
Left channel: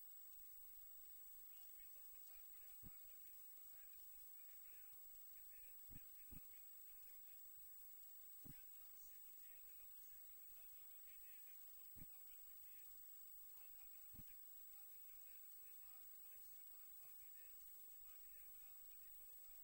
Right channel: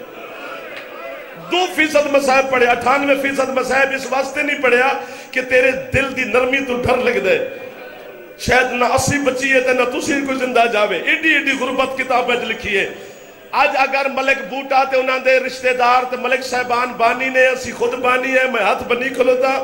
2% مصائب پڑھے, 98% مصائب اس واسطے نہیں پڑھیا کہ تیرے دل دی نرمی تو ڈر لگ دے. شاید نہ 80 بچی ہے تے نہ تسی کوئی زندہ جاوے. ایڈی ایڈی غربت کتاب میں لکھی ہے. آج اگر ملک بوٹا تے انہاں دے رشتہ دار تے ملک صاحبان بانی نے, اسی خود بانی ہے, میں ہاتھ بنی کھلوتا,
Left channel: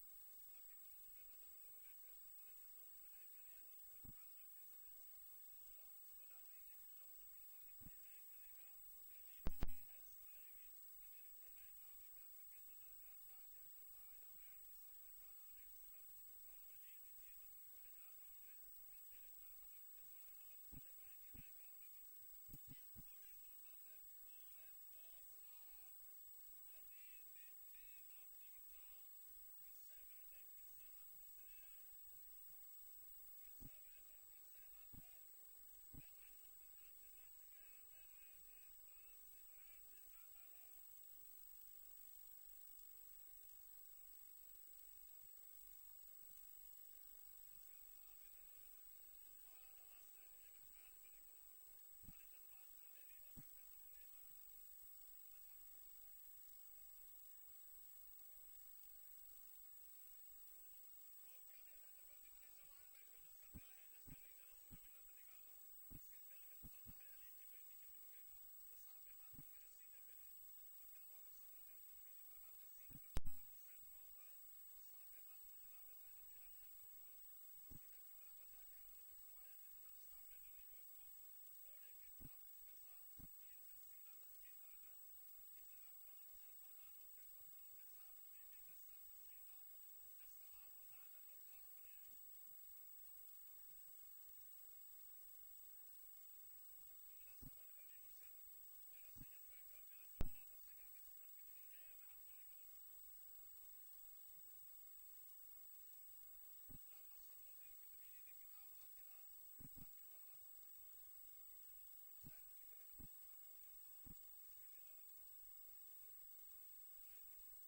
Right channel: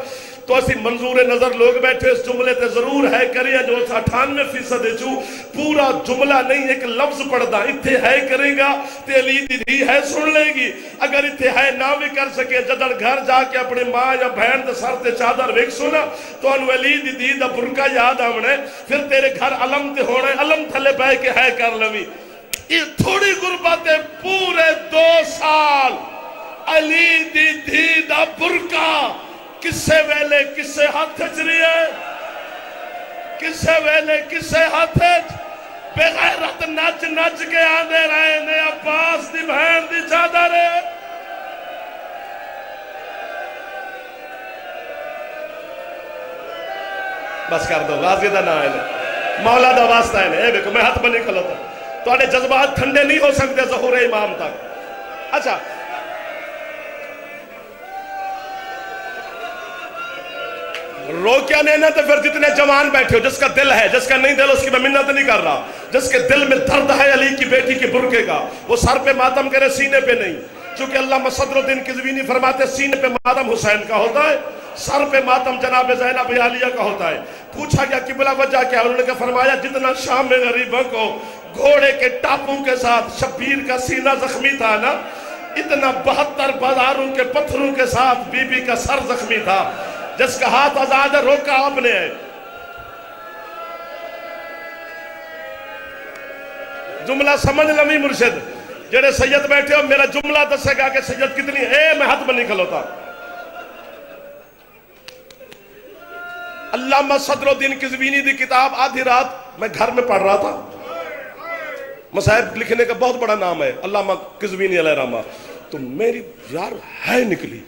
تو اسی منظور نظر لوگ بیٹھے اس جملے تے ضرور ہے کریے جو 98% جو پورا جملہ نہیں ایک لفظ پڑھدا اتھے ہے کرے گا تے علی دی دھی ہے سن لے گی. اگر اتھے ہے نہ بھی کر سکے, جدڑ گھر جا کے اپنے ماں یا بہن دے سر تے چادر ویکھ سنا تو انو علی دی دھی دا برقع یاد آونا, پھر تیرے گھر علم تے ہونا, علم تھلے بہ کے ہے کر لوی. یہ تھوڑی غربت ہے, پورے 2 سال علی دی دھی دا برقع کسے ویلے کسے ہاتھ چری ہے, کسے ویلے کسے ہاتھ بغیرت نچ نچ کے آنے رہے نے عباس دی بہن دی چادر ہے. بس کر دو, غازی دا نام ہے, مولا دا واسطہ ہے. اے دیکھو میں ہاتھ بنی کھلوتا, تواڈے جذبات ٹھنڈے نہیں ہو سکتے ظہور امام تک. اچھا رو کیا لینا, تو پھر جتنے جوان بیٹھے ہو, جس کا دل ہے, جس کا نہیں دل اس کی میں منت نہیں کر رہا, جس کے دل میں درد ہے علی کی بیٹی کے برقعے کا, وہ سر پہ ماتم کرے سینے پہ نہیں. چونکہ علامہ صدر الدین قزوینی فرماتے سینے پہ ماتم حسین کا ہوتا ہے, سر پہ ماتم جناب زینب عالیہ کا ہوتا ہے. پوچھا گیا قبلہ وجہ کیا, انہوں نے فرمایا جتنا شام میں غریبوں کو گھوڑے کے ٹاپوں کے ساتھ شبیر کا سینہ زخمی تھا نا, اتنا 72 بازاروں کے پتھروں کے ساتھ بی بی کا سر زخمی تھا. جس کا ہاتھ آزاد ہے روکا آپ نے ہے. جملہ سمجھ لمی مرشد, جڑے سید بیٹھے ہو میرا جملہ دسے گا کہ سید کتنی ہے. میں ہاتھ بنی کھلوتا. علامہ صدر الدین قزوینی دی کتاب آدھی رات میں گھر میں پڑھ رہا تھا. مصائب لکھنے کا بہت بڑا نام ہے علامہ قزوینی علیہ رحمہ. تو میری یار ہے نکلی,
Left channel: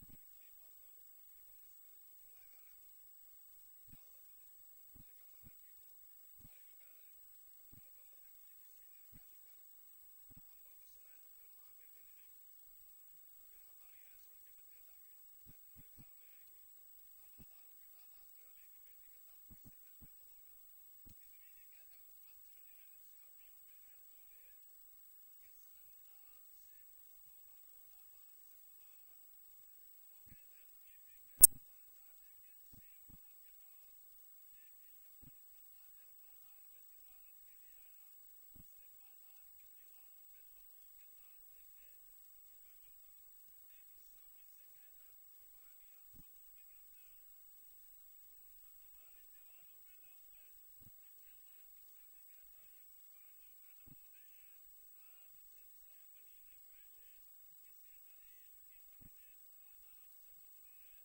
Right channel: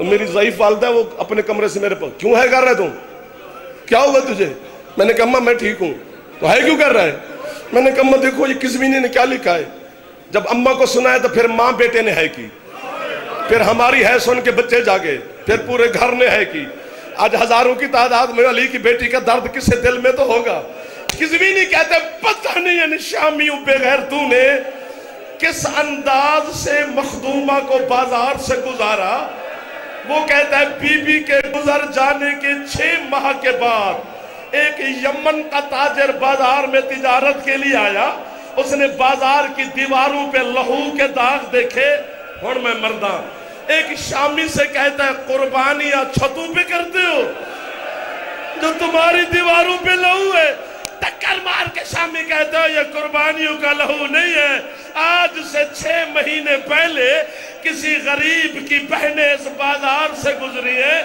میری ضعیف والدہ وہ اپنے کمرے سے میرے پاس, کیوں ہے کر رہے تم, کیا ہوا تجھے؟ میں نے کہا اماں میں ٹھیک ہوں. تو ہے کیوں کر رہا ہے؟ میں نے کہا اماں دیکھو یہ قزوینی نے کیا لکھا ہے. جب اماں کو سنا ہے تو پھر ماں بیٹے نے ہے کی, پھر ہماری ہے سن کے بچے جاگے, پھر پورے گھر نے ہے کی. آج ہزاروں کی تعداد میں علی کی بیٹی کا درد کسے دل میں تو ہوگا. قزوینی کہتے ہیں پتہ نہیں ان شامیوں بغیر تو نے کس انداز سے مخدومہ کو بازار سے گزارا. وہ کہتا ہے بی بی کے گزر جانے کے 6 ماہ کے بعد ایک یمن کا تاجر بازار میں تجارت کے لیے آیا. اس نے بازار کی دیواروں پہ لہو کے داغ دیکھے, ہن میں مرداں ایک شامی سے کہتا ہے قربانیاں چھتوں پہ کرتے ہو جو تمہاری دیواروں پہ لہو ہے. ٹکر مار کے شامی کہتا ہے یہ قربانیوں کا لہو نہیں ہے. آج سے 6 مہینے پہلے کسی غریب کی بہنیں اس بازار سے گزری ہے.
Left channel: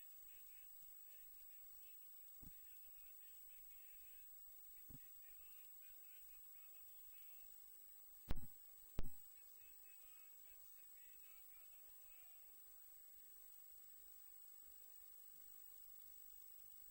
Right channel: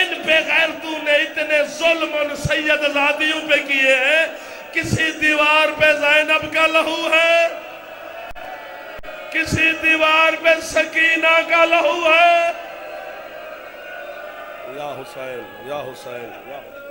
ان پہ غیرتوں نے اتنے ظلم ان سید زادیوں پہ کیے ہیں. کسی دیوار پہ زینب کا لہو ہے, کسی دیوار پہ سکینہ کا لہو ہے. یا حسین یا حسین یا حسین.